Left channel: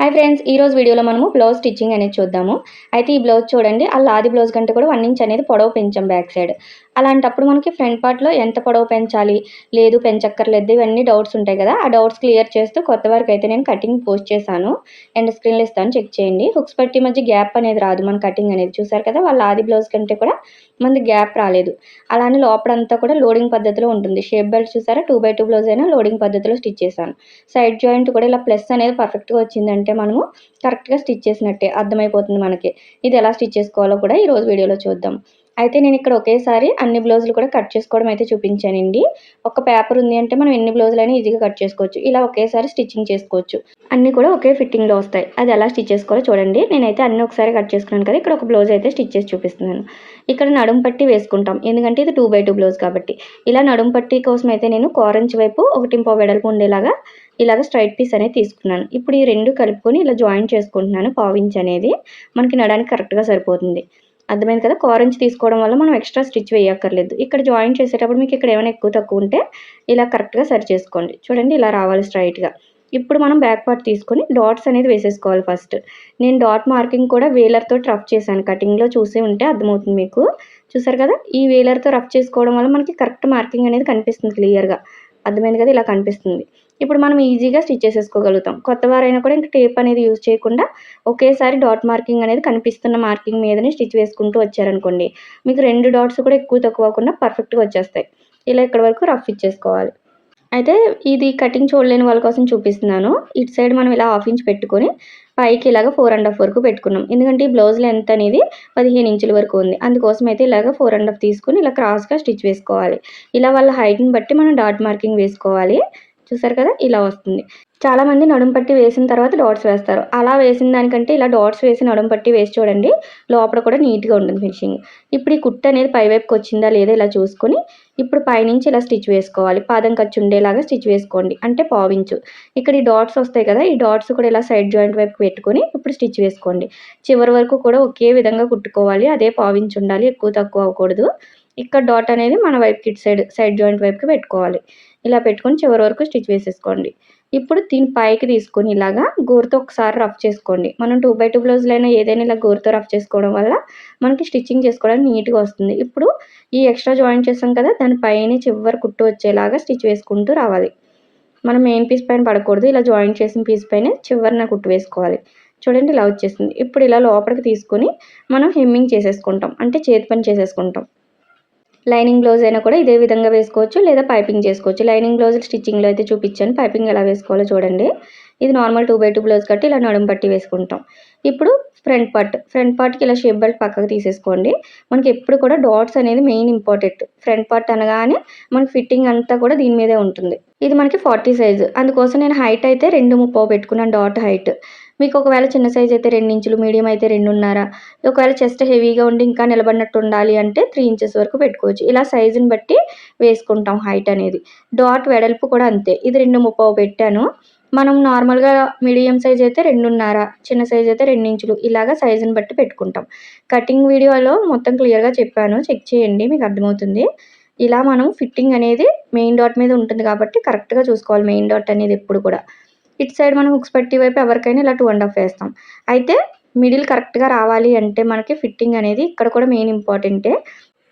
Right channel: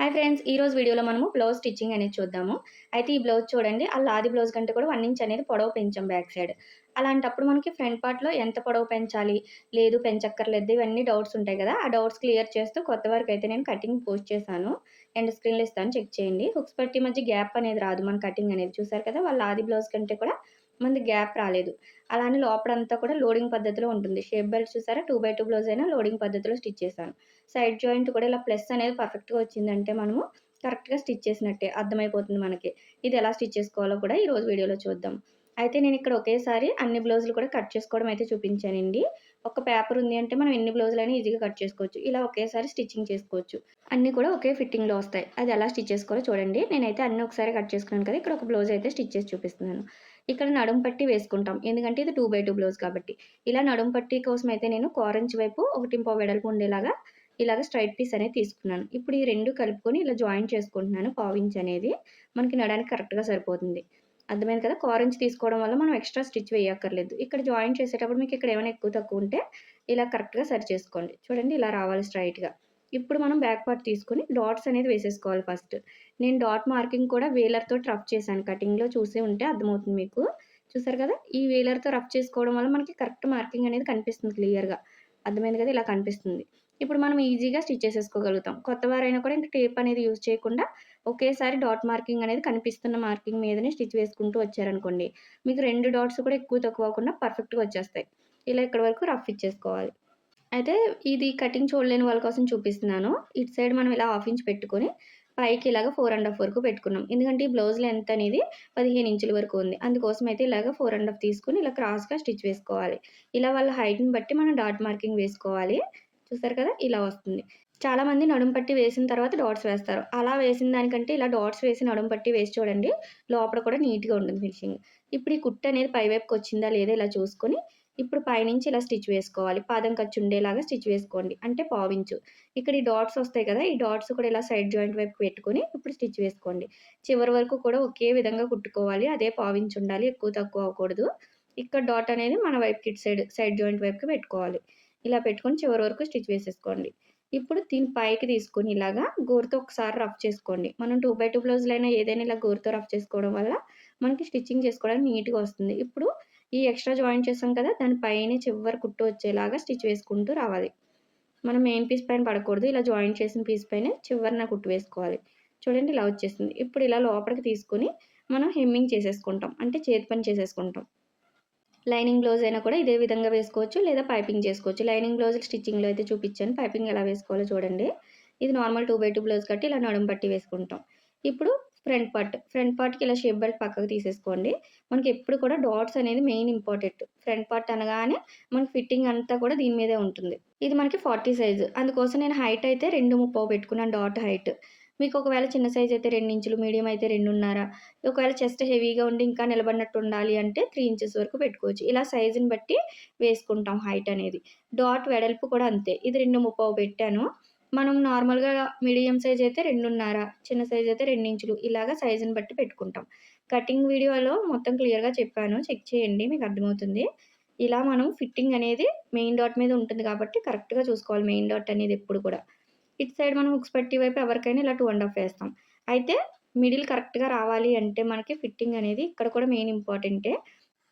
Hi friends, ఈ రోజు వీడియోలో మనము బ్లౌజ్ స్టిచ్చింగ్ అనేది చూద్దాము. అయితే ఈ బ్లౌజ్ చూడండి, ఆ లాది బ్లౌజ్ కంటే కూడా 1 ఇంచ్ అనేది పొడవు పెంచాం బ్యాక్ సైడ్. అలాంటప్పుడు మనకి ఫ్రంట్ పార్ట్‌లో ఎంత పొడవు పెంచాలి, లేదు పెంచక్కర్లేదు ఇవన్నీ డౌట్స్ ఉంటాయి కదా! ఆ డౌట్స్ క్లియర్ చేస్తూ కొత్త వరకైతే నేను కటింగ్ పోస్ట్ చేశాను. ఎండ్ స్క్రీన్‌లో ఇస్తాను చెక్ చేయండి. హుక్స్ పట్టీ మధ్య గ్యాప్ అనేది రాదు మన కటింగ్ అనేది. చూసారు కదా! వాళ్ళ ఆది బ్లౌజ్ కంటే కూడా మనది గ్యాప్ రాలేదు. అలానే లోపడంతా కూడా లోడింగ్ పద్ధతిలో ఉంటుంది. షేప్ బెల్ట్ చూసారా 2/2 బ్లౌజ్ అయినా లోడింగ్ పద్ధతిలో స్టిచ్ చేశాను. సైడ్ జాయింట్ కూడా ఇలా ప్లస్ అనేది పర్ఫెక్ట్‌గా వచ్చిందంటే మనము కరెక్ట్‌గా స్టిచ్ చేసినట్టే అర్థమైపోతుంది మనకి. ఇది ఎలా స్టిచ్ చేసుకోవాలో కూడా ఈరోజు వీడియోలో చూద్దాం. అయితే నేను ఇక్కడ ఒకేసారి అన్ని బ్లౌజులు కూడా కట్ చేసుకోవడం అయితే చూపించానండి. ఒక పేపర్ ఉంది అంటే మనం ఎన్ని బ్లౌజులైనా ఈజీగా కట్ చేసుకోవచ్చు. ఇలా ఒకేసారి స్టిచ్చింగ్ చేసుకోవచ్చు. అన్నీ కూడా ఒకే ఫిట్టింగ్‌లో వస్తాయి. అది ఎలా స్టిచ్ చేసుకోవాలో చూడండి. నేనైతే అన్నీ ఒకసారి కట్ చేసుకున్నాను కదా! ఇక్కడ ఒక బ్లౌజ్ అయితే స్టిచ్ చేసి చూపిస్తున్నాను. ఇక్కడ నడుము పట్టీ వేసుకుంటాం. ఎందుకంటే ఇది 2/2 బ్లౌజ్ కాబట్టి. ఇలా నడుము పట్టీ కోసం అయితే నేను కోరంచి వైపు 1.5 వెడల్పు ఉండేలాగా ఇలాగ స్ట్రైట్ పీస్ అనేది తీసుకున్నాను. ఇప్పుడు ఈ 2 కలుపుకొని ఇలా జాయింట్ చేసుకుంటున్నాను. పావించ్ అనేది మనకి నడానికి కరెక్ట్‌గా సరిపోతుంది. అర్థమైంది కదా! కోరంచి తీసుకోవడం వల్ల మనం ఎక్స్ట్రా స్టిచ్ వేయక్కర్లేదు. ఇక్కడ జాయింట్ చేసేటప్పుడు మీకు ఇక్కడ ఏమైనా ఎక్కువ తక్కువ ఉంటే ఇలా కరెక్ట్‌గా సరి చేసుకోండి. చూడండి ఇలా రావాలి స్ట్రైట్‌గా. ఇప్పుడు మనం బ్యాక్ పార్ట్ తీసుకొని డాట్స్ అనేది వేసేసుకోవాలి ఫస్ట్. నేను డాట్ మార్కింగ్ కూడా వేలర్‌తోటి రఫ్ చేశాను. కటింగ్‌లో చూసే ఉంటే అర్థమవుతుంది మీకు. చూసారు కదా! ఈ వేలర్‌తో రఫ్ చేసుకోవడం వల్ల మనకి కరెక్ట్ మార్కింగ్ అనేది కనిపిస్తుంది క్లియర్‌గా. అర్థమైంది కదా! ఇలా కనిపిస్తుంది. ఇప్పుడు మనం ఈజీగా స్టిచ్ చేసేసుకోగలుగుతాం. కొత్త వారైనా కూడా ఇంక టేప్ అనేది యూజ్ చేయకుండా ఒకేసారి డాట్ మార్కింగ్ అనేది కనిపిస్తున్న మార్కింగ్ మీదనే స్టిచ్ వేసుకుంటూ వచ్చారనుకోండి, మీకు 2 డాట్స్ కూడా ఎక్కువ తక్కువ అవ్వకుండా పర్ఫెక్ట్‌గా వచ్చేస్తాయి. ఇలా ఇక్కడి వరకు రఫ్ ఇచ్చేసుకోవాలి. అయితే ఇది కటింగ్ చూడలేని వాళ్ళ కోసం చూపిస్తున్నాను. ఇటు సైడ్ మనం ఇలా హాఫ్ ఇంచ్ పెట్టుకొని పైకి ఇలాగ 4 ½ వరకు పెట్టుకున్నాం. ఎందుకంటే ఈ బ్లౌజ్ లెంత్ అనేది 15 ఇంచుల వరకు ఉంది. అందుకోసం అయితే ఇలాగ 4 ½ తీసుకొని ఇలా క్రాస్‌గా స్టిచ్ వేసుకోవాలి. ఇలా వాళ్ళ హైట్‌ని బట్టి మనం డాట్ మార్కింగ్ వేసుకోవాలి. చూసారు కదా! ఇలా వస్తుంది. చాలామంది నడుము పట్టి వేసిన తర్వాత డాట్స్ వేస్తారు. అలా వేసిన దానికంటే ఇలా డాట్స్ వేసి నడుము పట్టి వేసి చూడండి. లోపల కూడా నీట్‌గా ఉంటుంది ఫినిషింగ్. ఇప్పుడు ఈ కుట్టు అనేది పై వైపుకి వచ్చిందా లేదా ఇలా చూసుకొని ఇప్పుడు పైనుంచి ఇలా స్టిచ్ వేసుకోవాలి. పాదం ఖర్చు ఉండేలాగా స్టిచ్ వేసుకోండి. అంటే పావించు. ఇక్కడ ఈ డాట్స్ వస్తాయి కదా! ఈ డాట్స్ కూడా ఇలా సైడ్ జాయింట్ వైపుకి పెట్టుకొని ఇప్పుడు స్టిచ్ వేసుకోండి. చివరి వరకు కూడా ఒకే విధంగా కుట్టుకోవాలి. అదే పావించి ఉండాలి. ఎక్కువ తక్కువ అవ్వకూడదు. ఇక్కడ డాట్ అనేది మన వైపుకి ఇటు సైడ్ జాయింట్ వైపుకి పెట్టుకోవాలి. ఇలా పెట్టుకొని చివరి వరకు స్టిచ్ వేసేసుకోండి. ఇప్పుడు దీన్ని పైకి తీసుకొని ఇలాగా గోరుతో ఒకసారి రఫ్ చేసుకోండి. మనం 2/2 బ్లౌజులైనా ఏదైనా ఇలా గోరుతో రఫ్ చేసుకోవడం వల్ల మనకి స్టిచ్చింగ్ చేసుకోవడానికి నీట్‌గా వస్తుంది. ఇప్పుడు ఈ ఎక్స్ట్రా జాయింట్ చేసాం కదా! దాని పైన చివరి కుట్టు వచ్చేలాగా స్టిచ్ వేసుకుంటూ రావాలి. మనం మెయిన్ పీస్ పైన పడకూడదు. ఇలా జాయింట్ చేసిన పీస్ పైనే చివరన కుట్టు వేసుకోవాలి. చూడండి ఇలా వచ్చేసింది. ఇప్పుడు ఇలా లోపలికి తీసుకొని మనం హెమ్మింగ్ చేసేసుకుంటాం. అంటే చేతి పని చేసేసుకుంటాం. లైనింగ్ బ్లౌజ్ అయినా కూడా ఇదే విధంగా వేసుకోవచ్చు లేదా పైపింగ్ చేసుకోవచ్చు. లైనింగ్ బ్లౌజ్ స్టిచ్చింగ్‌లో అయితే చూపించాను. పైపింగ్ ఎలా వేసుకోవాలో చూడండి. ఇది నార్మల్ 2/2 బ్లౌజ్ కట్టి ఇలా నడుము పట్టి వేసుకుంటాం. ఇప్పుడు ఫ్రంట్ పార్ట్‌కి ఇలా షేప్ బెల్ట్ పక్కకు తీసేసుకోండి. మనకి ఎప్పుడు కూడా డాట్స్ అనేది మెయిన్ ఇంపార్టెంట్. ఫ్రంట్ పార్ట్ అనగానే మనకి ఫిట్టింగ్ అంతా కూడా దీని మీదే ఉంటుంది. ఇది మనకి 40 సైజు. అందుకోసం నేను హైట్ అయితే 2.30 పెట్టుకున్నాను డాట్ హైట్. మీకు ఒకవేళ చిన్న సైజ్ అయితే 2 ఇంచులు, మీడియం అయితే 2.5, ఒకవేళ చెస్ట్ హెవీగా ఉండి ఇంకా నిలబడినట్టు ఉండాలి అంటే 3 ఇంచెస్ వరకు పెట్టుకోవచ్చు. ఇలా సైజుని బట్టి వేసుకుంటాం హైట్ అనేది. డాట్ వెడల్పు కూడా అంతే. ఇది 2.30 పెట్టాను. మనం నార్మల్‌గా మీడియం సైజ్ అయితే 2.5, చిన్న సైజ్ అయితే 2 ఇంచులు ఇలాగ సైజుని బట్టి పెట్టుకుంటాం. కటింగ్ వీడియోలో మొత్తం క్లియర్‌గా చెప్పాను. చెక్ చేయండి మీకు అర్థమవుతుంది. ఇలా మనం ఫిట్టింగ్ అనేది మెయిన్ డాట్ మీద ఉంటుంది కాబట్టి కరెక్ట్‌గా చూసుకోవాలి మెయిన్ డాట్ అనేది ఎప్పుడు కూడా. ఇటు సైడ్ మనం హుక్స్ పట్టీ వైపు ఎవరికైనా ఇలా 2 ½ వేస్తాం. అయితే మిడిల్ కరెక్ట్‌గా రావాలి అంటే మనకి ఫిట్టింగ్ అనేది ఇక్కడ కూడా మెయిన్ ఇంపార్టెంటే.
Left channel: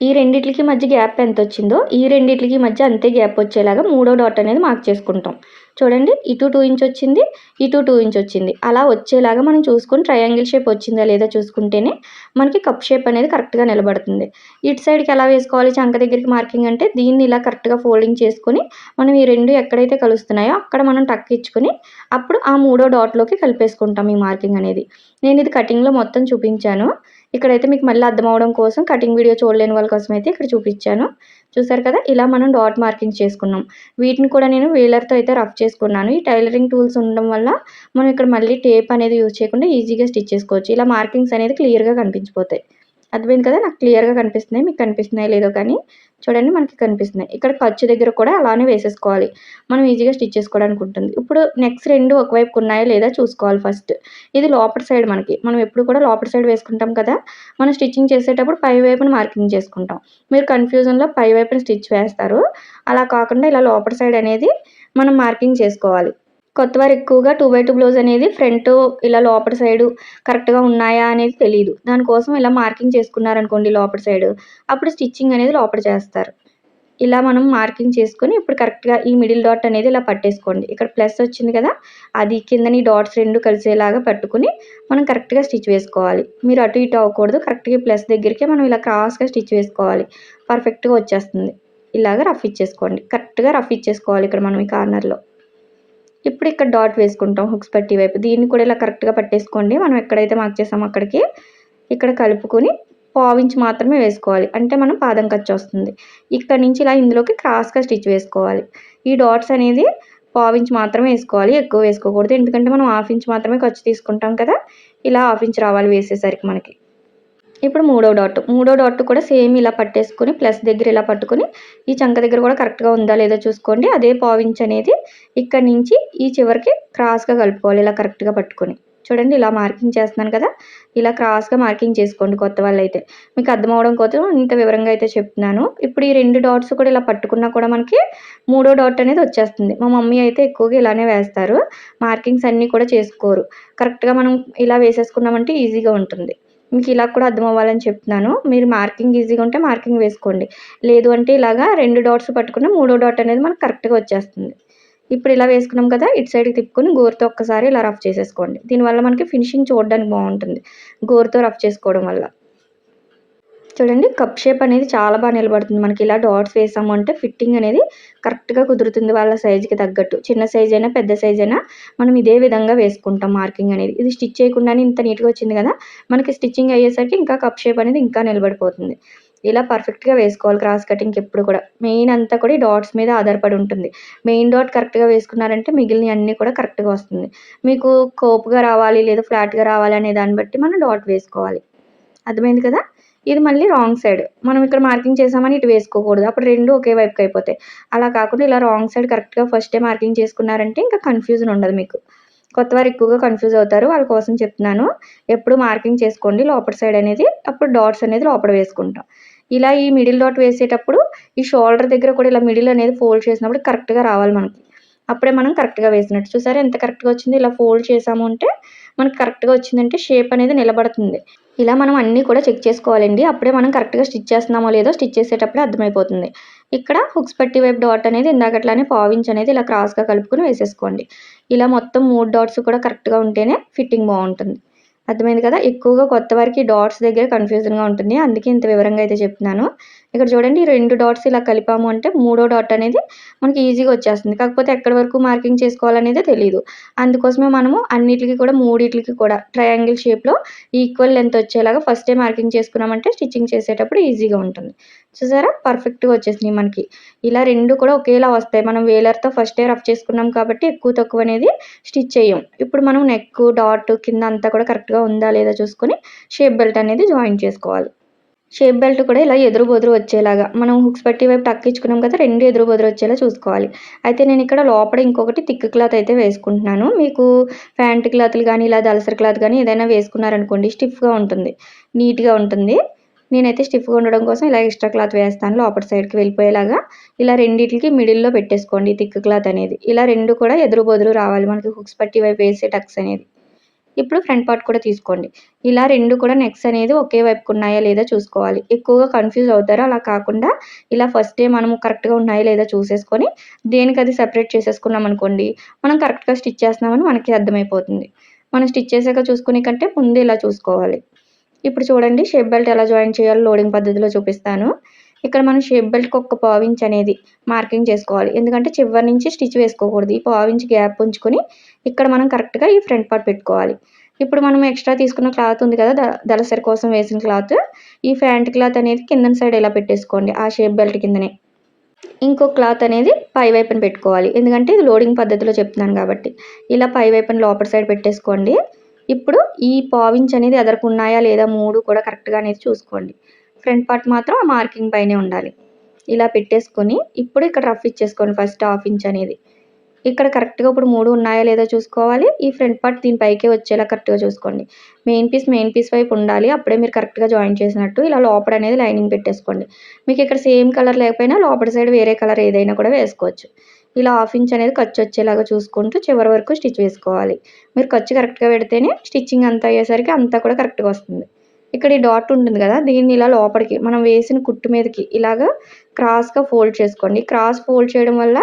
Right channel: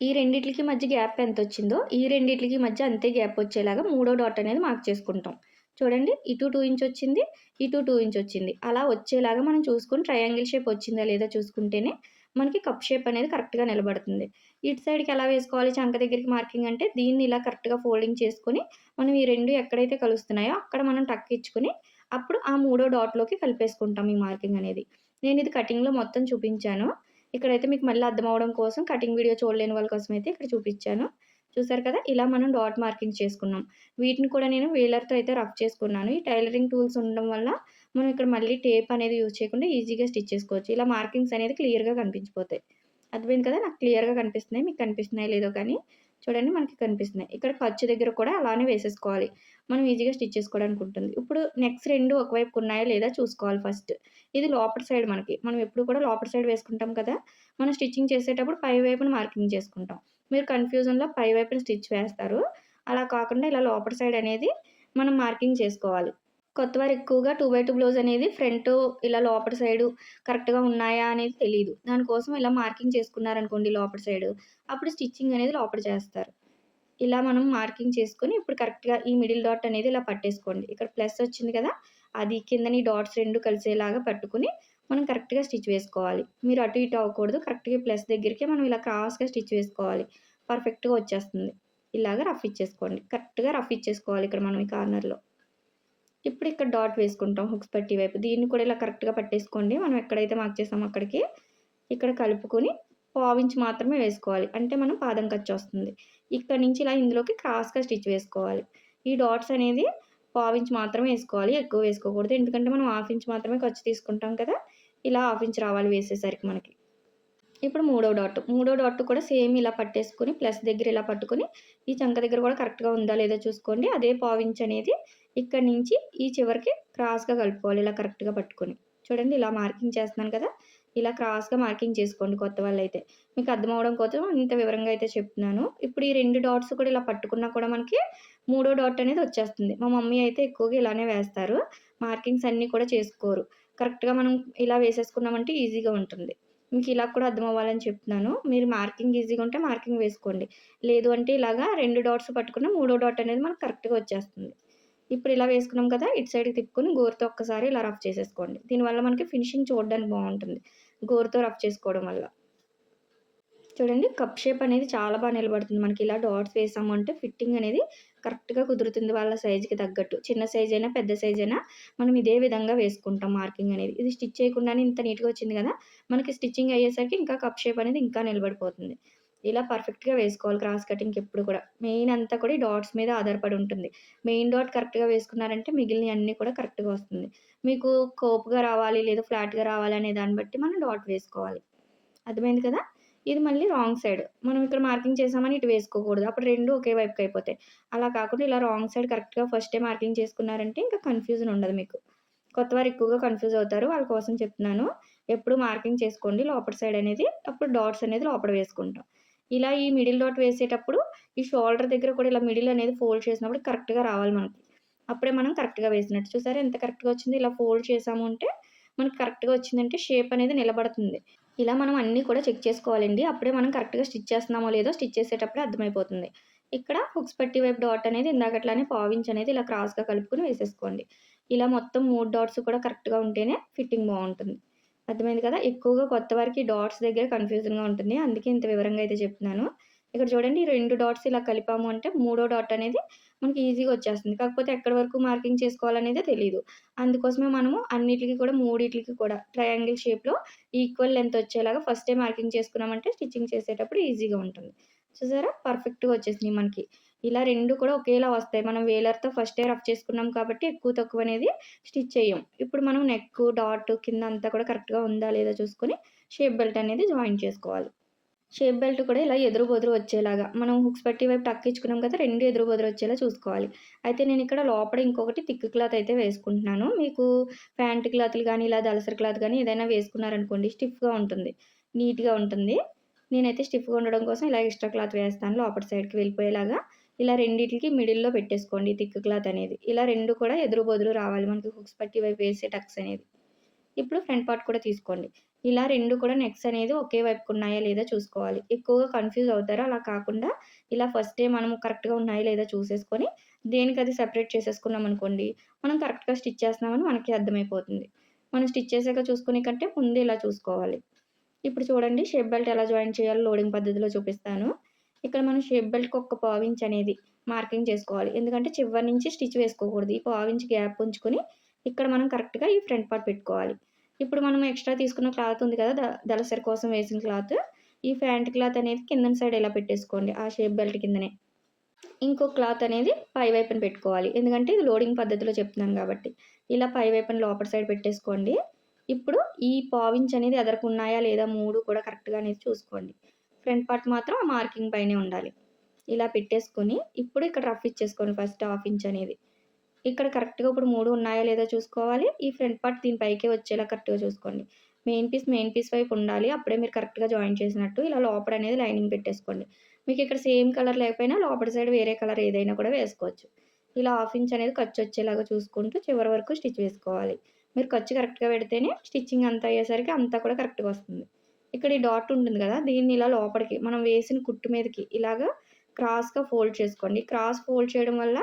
ఈ రెండిట్లికి మధ్య గ్యాప్ ఎంతొచ్చిందో, ఈ రెండిట్లికి మధ్య అంతే గ్యాప్ వచ్చేలాగా మూడో డాట్ అనేది మార్క్ చేసుకుంటాం. చూడండి ఇటు 2 ఇంచ్ వచ్చింది, ఇటు 2 ఇంచ్ వచ్చింది. అలా వచ్చేలాగా మనం చూసుకొని ట్రయాంగిల్ షేప్ వచ్చిందా లేదా చూసుకుంటేనే మనకి కప్ షేప్ అనేది కరెక్ట్‌గా నిలబడుతుంది. ఇటు సైడ్‌కి ఎలా వేసుకోవాలి చంక దగ్గరికి మార్కింగ్ అంటే దీన్ని ఇలా కరెక్ట్‌గా ఫోల్డింగ్ చేసుకొని మనం ఈ 2 ఎక్కడైతే కలుస్తున్నాయో అక్కడ మనం టక్ ఇచ్చుకొని అప్పుడు ఆ మూడో డాట్‌లోకి కలిపేసుకుంటాం ఈ మార్కింగ్ అనేది. నేను ఇది కటింగ్‌లో మొత్తం చూపించాను. ఇక్కడైతే మీకు మళ్ళీ అర్థమవ్వడం కోసం కటింగ్ వీడియో చూడలేని వాళ్ళ కోసం అయితే ఇక్కడ చూపించాను. చూసారు కదా! ఇలా మనం డాట్ మార్కింగ్ చేసుకున్నాం. వీటిని కూడా నేను వీలర్‌తో అయితే రఫ్ చేసుకున్నాను. ఈ టైలరింగ్ టూల్స్ ఉండడం వల్ల మనం ఇక్కడ మళ్ళీ టేప్ అనేది యూజ్ చేయకుండా ఈజీగా స్టిచ్ చేసుకోవచ్చు. ఇలా మార్కింగ్స్ అనేది క్లియర్‌గా కనిపించిపోతాయి. అర్థమైంది కదా! నాకు క్లియర్‌గా కనిపిస్తున్నాయి. మీకు కనిపిస్తున్నాయో లేదో కానీ చూడండి మనకి కనిపిస్తున్నాయి. ఇక్కడ ఖర్చు దగ్గర కూడా అలానే వేసేసుకోవాలి. మనం ఈజీగా స్టిచ్ చేసుకోవడానికి ఉంటుంది. ఇప్పుడు నెక్స్ 2 ఒకవైపుకి ఉన్నాయా లేదా చూసుకోవాలి ఫస్ట్. ఇది లోపటి సైడ్ మనకి. మనం ఎప్పుడు కూడా లోపటి సైడ్ వేసుకుంటాం కదా! మనం స్టిచ్చింగ్ చేసేటప్పుడు పై వైపున మార్కింగ్ చేసుకుంటాం. మీరు కన్‌ఫ్యూజన్‌లో పై వైపున స్టిచ్ వేస్తారు. అలా కాకుండా ఇలా లోపటి సైడ్ అనేది మనం మార్కింగ్ చేసుకోవాలి. కొత్తవారు ఎక్కువగా 2x2 బ్లౌజ్ అనేది ఫ్రంట్ ఇలా లోపటి సైడు కరెక్ట్‌గా ఉన్నాయా అనేది తెలీదు. దానికోసం ఇలా మార్కింగ్ చేసుకున్నారనుకోండి లోపటి సైడు, అప్పుడు స్టిచ్చింగ్ అనేది లోపల చేస్తారు. ఇలా మనం మార్కింగ్ చేసుకొని ఇప్పుడు కరెక్ట్‌గా ఈ మిడిల్ డాట్ అనేది ఇలా పట్టేసుకోండి. ఇక్కడ ప్లస్ వచ్చింది కదా! అది కిందని డాట్స్ 2 కలిసేలాగా పట్టుకొని మనం కరెక్ట్‌గా స్టిచ్ వేసుకోవాలి. మీరు అటు ఇటు అవ్వకూడదు. కరెక్ట్‌గా ఈ ప్లస్ దగ్గరికే మనం ఇలా క్రాస్‌గా స్టిచ్ వేసుకోవాలి. పర్ఫెక్ట్‌గా వచ్చేస్తుంది. ఇలాగ రఫ్ ఇచ్చేసుకోండి. కరెక్ట్‌గా రఫ్ ఇచ్చేసుకోవాలి ఇక్కడ మనం ఈ కార్నర్‌లో. ఇప్పుడు ఇక్కడ డాట్ వేసుకుంటాం హుక్స్ పట్టీ వైపు. దీన్ని కూడా ఇలా కరెక్ట్‌గా పట్టేసుకోండి. మనం ఎక్కడైతే మార్క్ చేసామో అక్కడికి. ఇక్కడ కలుపుకొని పావించి మాత్రమే వేసుకోవాలి. అంటే మనం పాదం ఖర్చొస్తుంది. ఇక్కడి నుంచి ఇలా ఇందులోకి క్రాస్‌గా స్టిచ్ వేసుకోవాలి. ఈ డాట్స్ అనేది పావించి మాత్రమే వేసుకోవాలి. ఎక్కువ వేసుకోకూడదు. ఎందుకంటే మనం హాఫ్ ఇంచ్ మాత్రమే ఖర్చు తీసుకుంటాం కదా! ఇలా హాఫ్ ఇంచ్ రావాలి వేసేసరికి మనకి. ఇప్పుడు మూడో డాట్ కూడా సేమ్ ఇలా పట్టేసుకొని ప్లస్ దగ్గర ఇలా పట్టుకొని ఈ చంక దగ్గర కూడా కరెక్ట్‌గా ఉందా లేదో చూసుకోండి. అదే పావించ్ అనేది ఇక్కడి నుంచి ఈ చివరికి క్రాస్‌గా కలుపుకోవాలి ఇలా కరెక్ట్‌గా పట్టుకొని. చూడండి ఇలా మార్కింగ్ చేస్తున్నాను కదా! ఇలా క్రాస్‌గా మార్కింగ్ చేసుకోండి కొత్త వాళ్ళైతే. మీకు అర్థం అవ్వడం కోసం ఇంత వివరంగా అయితే చెప్తున్నాను. ఇప్పుడు ఈ 2 డాట్స్ కూడా ఇలా పట్టుకున్నా కూడా మనకి మూడో డాట్ అనేది వచ్చేస్తుంది. మా మమ్మీ అయితే ఎక్కువగా ఇలానే వేస్తారు. మార్కింగ్స్ అన్నీ కూడా చేసుకోరు. కరెక్ట్‌గా మనం ఇలా వేసేసుకున్నామంటే ఈజీగా ఉంటుంది. మీకు ఇలా కూడా అర్థం అవ్వాలని చెప్తున్నాను. మీరు మార్కింగ్ ఈజీగా ఉంటే మార్కింగ్ వేసుకోండి. లేదు అంటే ఇలాగా 2 డాట్స్ పట్టుకున్న మూడో డాట్ అనేది మనకు కరెక్ట్‌గా వచ్చేస్తుంది. ఇప్పుడు ఇలా వేసుకున్నాం కదా! ఇటు సైడ్‌కి తిప్పుకొని గోరుతో ఒక్కసారి ఇలా రఫ్ చేసేసుకోండి. దీనివల్ల మనకి ఫినిషింగ్ చూడడానికి బావుంటుంది. గోరుతో రఫ్ చేసుకోవడం వల్ల. చూడండి కప్ షేప్ అనేది చాలా నిలబడుతుంది. మనకి ఇలా డాట్స్ వేసాము అంటే ఫిట్టింగ్ అనేది కరెక్ట్‌గా కుదురుతుంది వాళ్ళ సైజ్‌కి తగ్గట్టు. చిన్న సైజ్ అయినా, పెద్ద సైజ్ అయినా మనం ఇదే విధంగా వేసుకుంటాం మార్కింగ్ అనేది. ఇది స్టిచ్ చేయకుండానే ఇంత నీట్‌గా వచ్చింది కదా! మనకి స్టిచ్చింగ్ అయ్యేసరికి ఇంకా కప్ షేప్ అనేది ఇంకా నిలబడిపోతుంది. ఇలా పర్ఫెక్ట్‌గా వేసుకోవాలి క్రాస్ కటింగ్‌కి ఎప్పుడు కూడా. మెయిన్ అంతా కూడా ఈ డాట్స్ మీద ఆధారపడి ఉంటుంది. మెయిన్ డాట్ కరెక్ట్‌గా వేసుకున్నారంటే మిగిలినయన్నీ కూడా కరెక్ట్‌గా వస్తుంది. మీకు కోపుగా రావాలి లేదా ఫ్లాట్‌గా రావాలి అనే దాన్ని బట్టి మనం డాట్ వేసుకోవాలి. అర్థమైంది కదా! ఇది మళ్ళీ రాంగ్ సైడ్. మనం ఇక్కడ మార్కింగ్ చేసామని ఇటు వేసుకోకూడదు. అప్పుడు 2 ఒకే వైపుకి అయిపోతాయి. అలా కాకుండా ఇలా రాంగ్ సైడ్ కరెక్ట్‌గా ఫస్టే మార్కింగ్ చేసుకున్నారంటే ఇంకా కన్‌ఫ్యూజన్ ఉండదు మీకు. కొత్తవారు ఎక్కువగా కన్‌ఫ్యూజ్ అవుతారు. వాళ్ళ కోసం చెప్తున్నాను. ఎప్పుడు మార్కింగ్ చేసుకోండి లోపటి సైడ్ అనేది. అప్పుడు డాట్స్ అనేది లోపల వేసుకుంటాం. ఇలా ఈ మిడిల్ డాట్ వేసేటప్పుడు ఈ షోల్డర్ దగ్గర కూడా ఇలా మిడిల్ అనేది ఫోల్డ్ చేసినప్పుడు కరెక్ట్‌గా రావాలి మనకి. అప్పుడే మనం కరెక్ట్‌గా వేసినట్టు. చూసారా ఎంత కరెక్ట్‌గా వచ్చిందో? ఇలా ఫోల్డ్ చేసాము అంటే మనకి కరెక్ట్‌గా వచ్చిందంటే షేప్ అనేది నిలబడుతుంది. ఇలా మనం అన్నీ కూడా చెక్ చేసుకోవాలండి. అప్పుడే మనం కరెక్ట్‌గా స్టిచ్ చేస్తున్నామో లేదో స్టిచ్ చేసేటప్పుడే అర్థమైపోతుంది. ఇక్కడ హుక్స్ పట్టీ వైపు డాట్ అనేది ఇందాకట్లానే పావించ్ అనేది ఇలా క్రాస్‌గా కలుపుకొని వేసేసుకోండి. ఇలా మొత్తం 3 డాట్స్ కూడా కరెక్ట్‌గా ఉంటేనే ఫిట్టింగ్ బావుంటుంది. అర్థమైంది కదా! ఎక్కువగా కొత్త వారికి డాట్స్ దగ్గర కన్‌ఫ్యూజన్‌గా ఉంటుంది. అందుకే ఇంత వివరంగా అయితే చెప్తున్నాను. ఇక్కడ చూడండి 2 డాట్స్ ఇలా కలిపాము అంటే మూడో డాట్ అనేది మనకి ఈజీగా వచ్చేస్తుంది. కాకపోతే ఎక్కడి వరకు మార్కింగ్ చేసుకోవాలనేదే తెలీదు. అందుకోసమే మనము అన్నిట్లికి కూడా మూడిట్లికి కూడా ట్రయాంగిల్ షేప్‌లో ఈక్వల్ లెంత్ వచ్చేలాగా ఫస్టే మార్కింగ్ చేసుకున్నామంటే స్టిచ్చింగ్ చేసేటప్పుడు ఈజీగా ఉంటుంది. చూసారా? పర్ఫెక్ట్‌గా వచ్చేసినాయి మనకి. ఇలా 2 కూడా ఒకేలా వస్తాయి. మనం వేలర్‌తో ఫస్టే రఫ్ చేసుకున్నాం కాబట్టి ఎక్కువ తక్కువ అనేది స్టిచ్ చెయ్యం. ఇప్పుడు మనం నెక్, డాట్ కింద అంతా కూడా కరెక్ట్‌గా ఉందా లేదా చూసుకొని షేప్ బెల్ట్ అనేది జాయిన్ చేసుకోవాలి. షేప్ బెల్ట్ కూడా ఇలా ఎదురు బొదురు వచ్చేలాగా మనం హుక్స్ పట్టీ వైపు టక్ ఇచ్చుకున్నాం కదా! 2 ఎదురు బొదురు వచ్చేలా చూసుకోవాలి. అయితే నేను ఇక్కడ లోపల ఇంకొకటి థిక్ క్లాత్ అయితే వేసుకుంటున్నాను. మీకు ప్యాంట్ క్లాత్‌లు గానీ, ఇలా దలసరి క్లాత్ గానీ ఏదైనా వేసుకున్నారనుకోండి స్టిఫ్‌గా ఉంటుంది. నీట్‌గా ఉంటుంది. నేనైతే స్టిఫ్‌గా ఉండడం కోసం ఇలా ఎక్స్‌ట్రా క్లాత్ వేస్తాను లోపటి సైడ్‌కి వెళ్ళిపోయేలాగా. ఇలా రెండిట్లికి మిడిల్‌లో పెట్టేసుకోండి థిక్ క్లాత్ అనేది. ఇలా 2 కూడా ఎదురు బొదురు రావాలి మనకి హుక్స్ పట్టీ వైపు వేసే టక్స్ అనేది. ఇప్పుడు ఫ్రంట్ పార్ట్ కూడా తీసుకోండి. ఇలా 2 కూడా నెక్స్ అనేది ఒకే వైపుకు ఉన్నాయా లేదా చూసుకోవాలి. ఎక్కువగా కన్‌ఫ్యూజ్ అవుతారు. అలా కాకుండా ఇలా ఫస్టే మనము కరెక్ట్‌గా ఉన్నాయా లేదా చూసేసుకొని దేనికది సెపరేట్ చేసేసుకున్నామనుకోండి, మనం కరెక్ట్‌గా స్టిచ్ చేస్తున్నామని మనకి అర్థమైపోతుంది. మనం స్టిచ్ చేసాక చూసుకునే కంటే ముందే ఇలా చూసుకోవాలి. ఇప్పుడు చూడండి షేప్ బెల్ట్ ఎలా జాయిన్ చేయాలో లోడింగ్ పద్ధతిలో చూపిస్తాను. ఇక్కడ మనం షేప్ బెల్ట్‌కి ఒక పావించ్ అనేది మార్కింగ్ చేసుకోవాలి. ఎందుకంటే చివరి నుంచి స్టిచ్ వేసుకోకూడదు. ఈ పావించ్ గ్యాప్ ఉంచుకొని ఇక్కడ మనం కరెక్ట్‌గా ఈ ఫ్రంట్ పార్ట్ పెట్టుకోవాలి. ఇప్పుడు మనం ఎక్స్‌ట్రా తీసుకున్న క్లాత్ ఉంది కదా! దలసరి కోసం వేసిన క్లాత్. ఈ ఫ్యాంట్ క్లాత్ అనేది కిందన సైడ్ ఇలా పెట్టేసుకోండి. ఆ షేప్ బెల్ట్ కిందనే. ఇంకో క్లాత్ అనేది పై వైపున పెట్టుకోవాలి. ఎందుకంటే ఇది లోడింగ్ పద్ధతిలో చెప్తున్నాను కాబట్టి. ఇలా పై వైపున లోపటి సైడ్ పెట్టేసుకోండి. ఇప్పుడు ఈ పావించ్ అనేది ఎదరకున్నాయా లేదా 3 కూడా కరెక్ట్‌గా అనేది చూసుకోండి. ఫ్రంట్ పార్ట్ మాత్రం ఆ మార్కింగ్ పైనే ఉండాలి. ఇలా పెట్టేసుకొని ఇప్పుడు ఇక్కడ రఫ్ ఇచ్చేసుకోండి ఫస్ట్ హాఫ్ ఇంచ్ అనేది. ఇక్కడ కరెక్ట్‌గా ఇప్పుడు 3 ఉన్నాయా లేదా చూసుకోవాలి. ఈ ఫ్రంట్ పార్ట్ దీని పైకే వచ్చేలా కరెక్ట్‌గా చూసుకోండి. మెయిన్ పీస్ వైపు ఉండాలి. అప్పుడే మీరు కరెక్ట్‌గా జాయిన్ చేసినట్టు. ఇలా లోపల అనేది లైనింగ్ పెట్టేసుకోండి. మీకు ఇక్కడ సేమ్ కలర్ లేకపోయినా లోపటి సైడ్ వేరే కలర్ ఏదైనా కూడా వేసుకోవచ్చు. ఇలా హాఫ్ ఇంచ్ అనేది ఖర్చు వచ్చేలాగా చూసుకుంటూ చివరి వరకు స్టిచ్ వేసుకోవాలి. మీరు ఖర్చు కరెక్ట్‌గా పెడితేనే స్టిచ్చింగ్ అంతా అయ్యేసరికి అంతా కూడా కరెక్ట్‌గా వస్తుంది. ఇక్కడ ఈ డాట్ ఉంటుంది కదా! దీన్ని ఇలా లోపలికి మనం వేసిన కుట్టు మీదకి ఇలాగా క్రాస్‌గా ఫోల్డ్ చేసుకోండి. క్రాస్ ఫోల్డ్ చేయడం వల్ల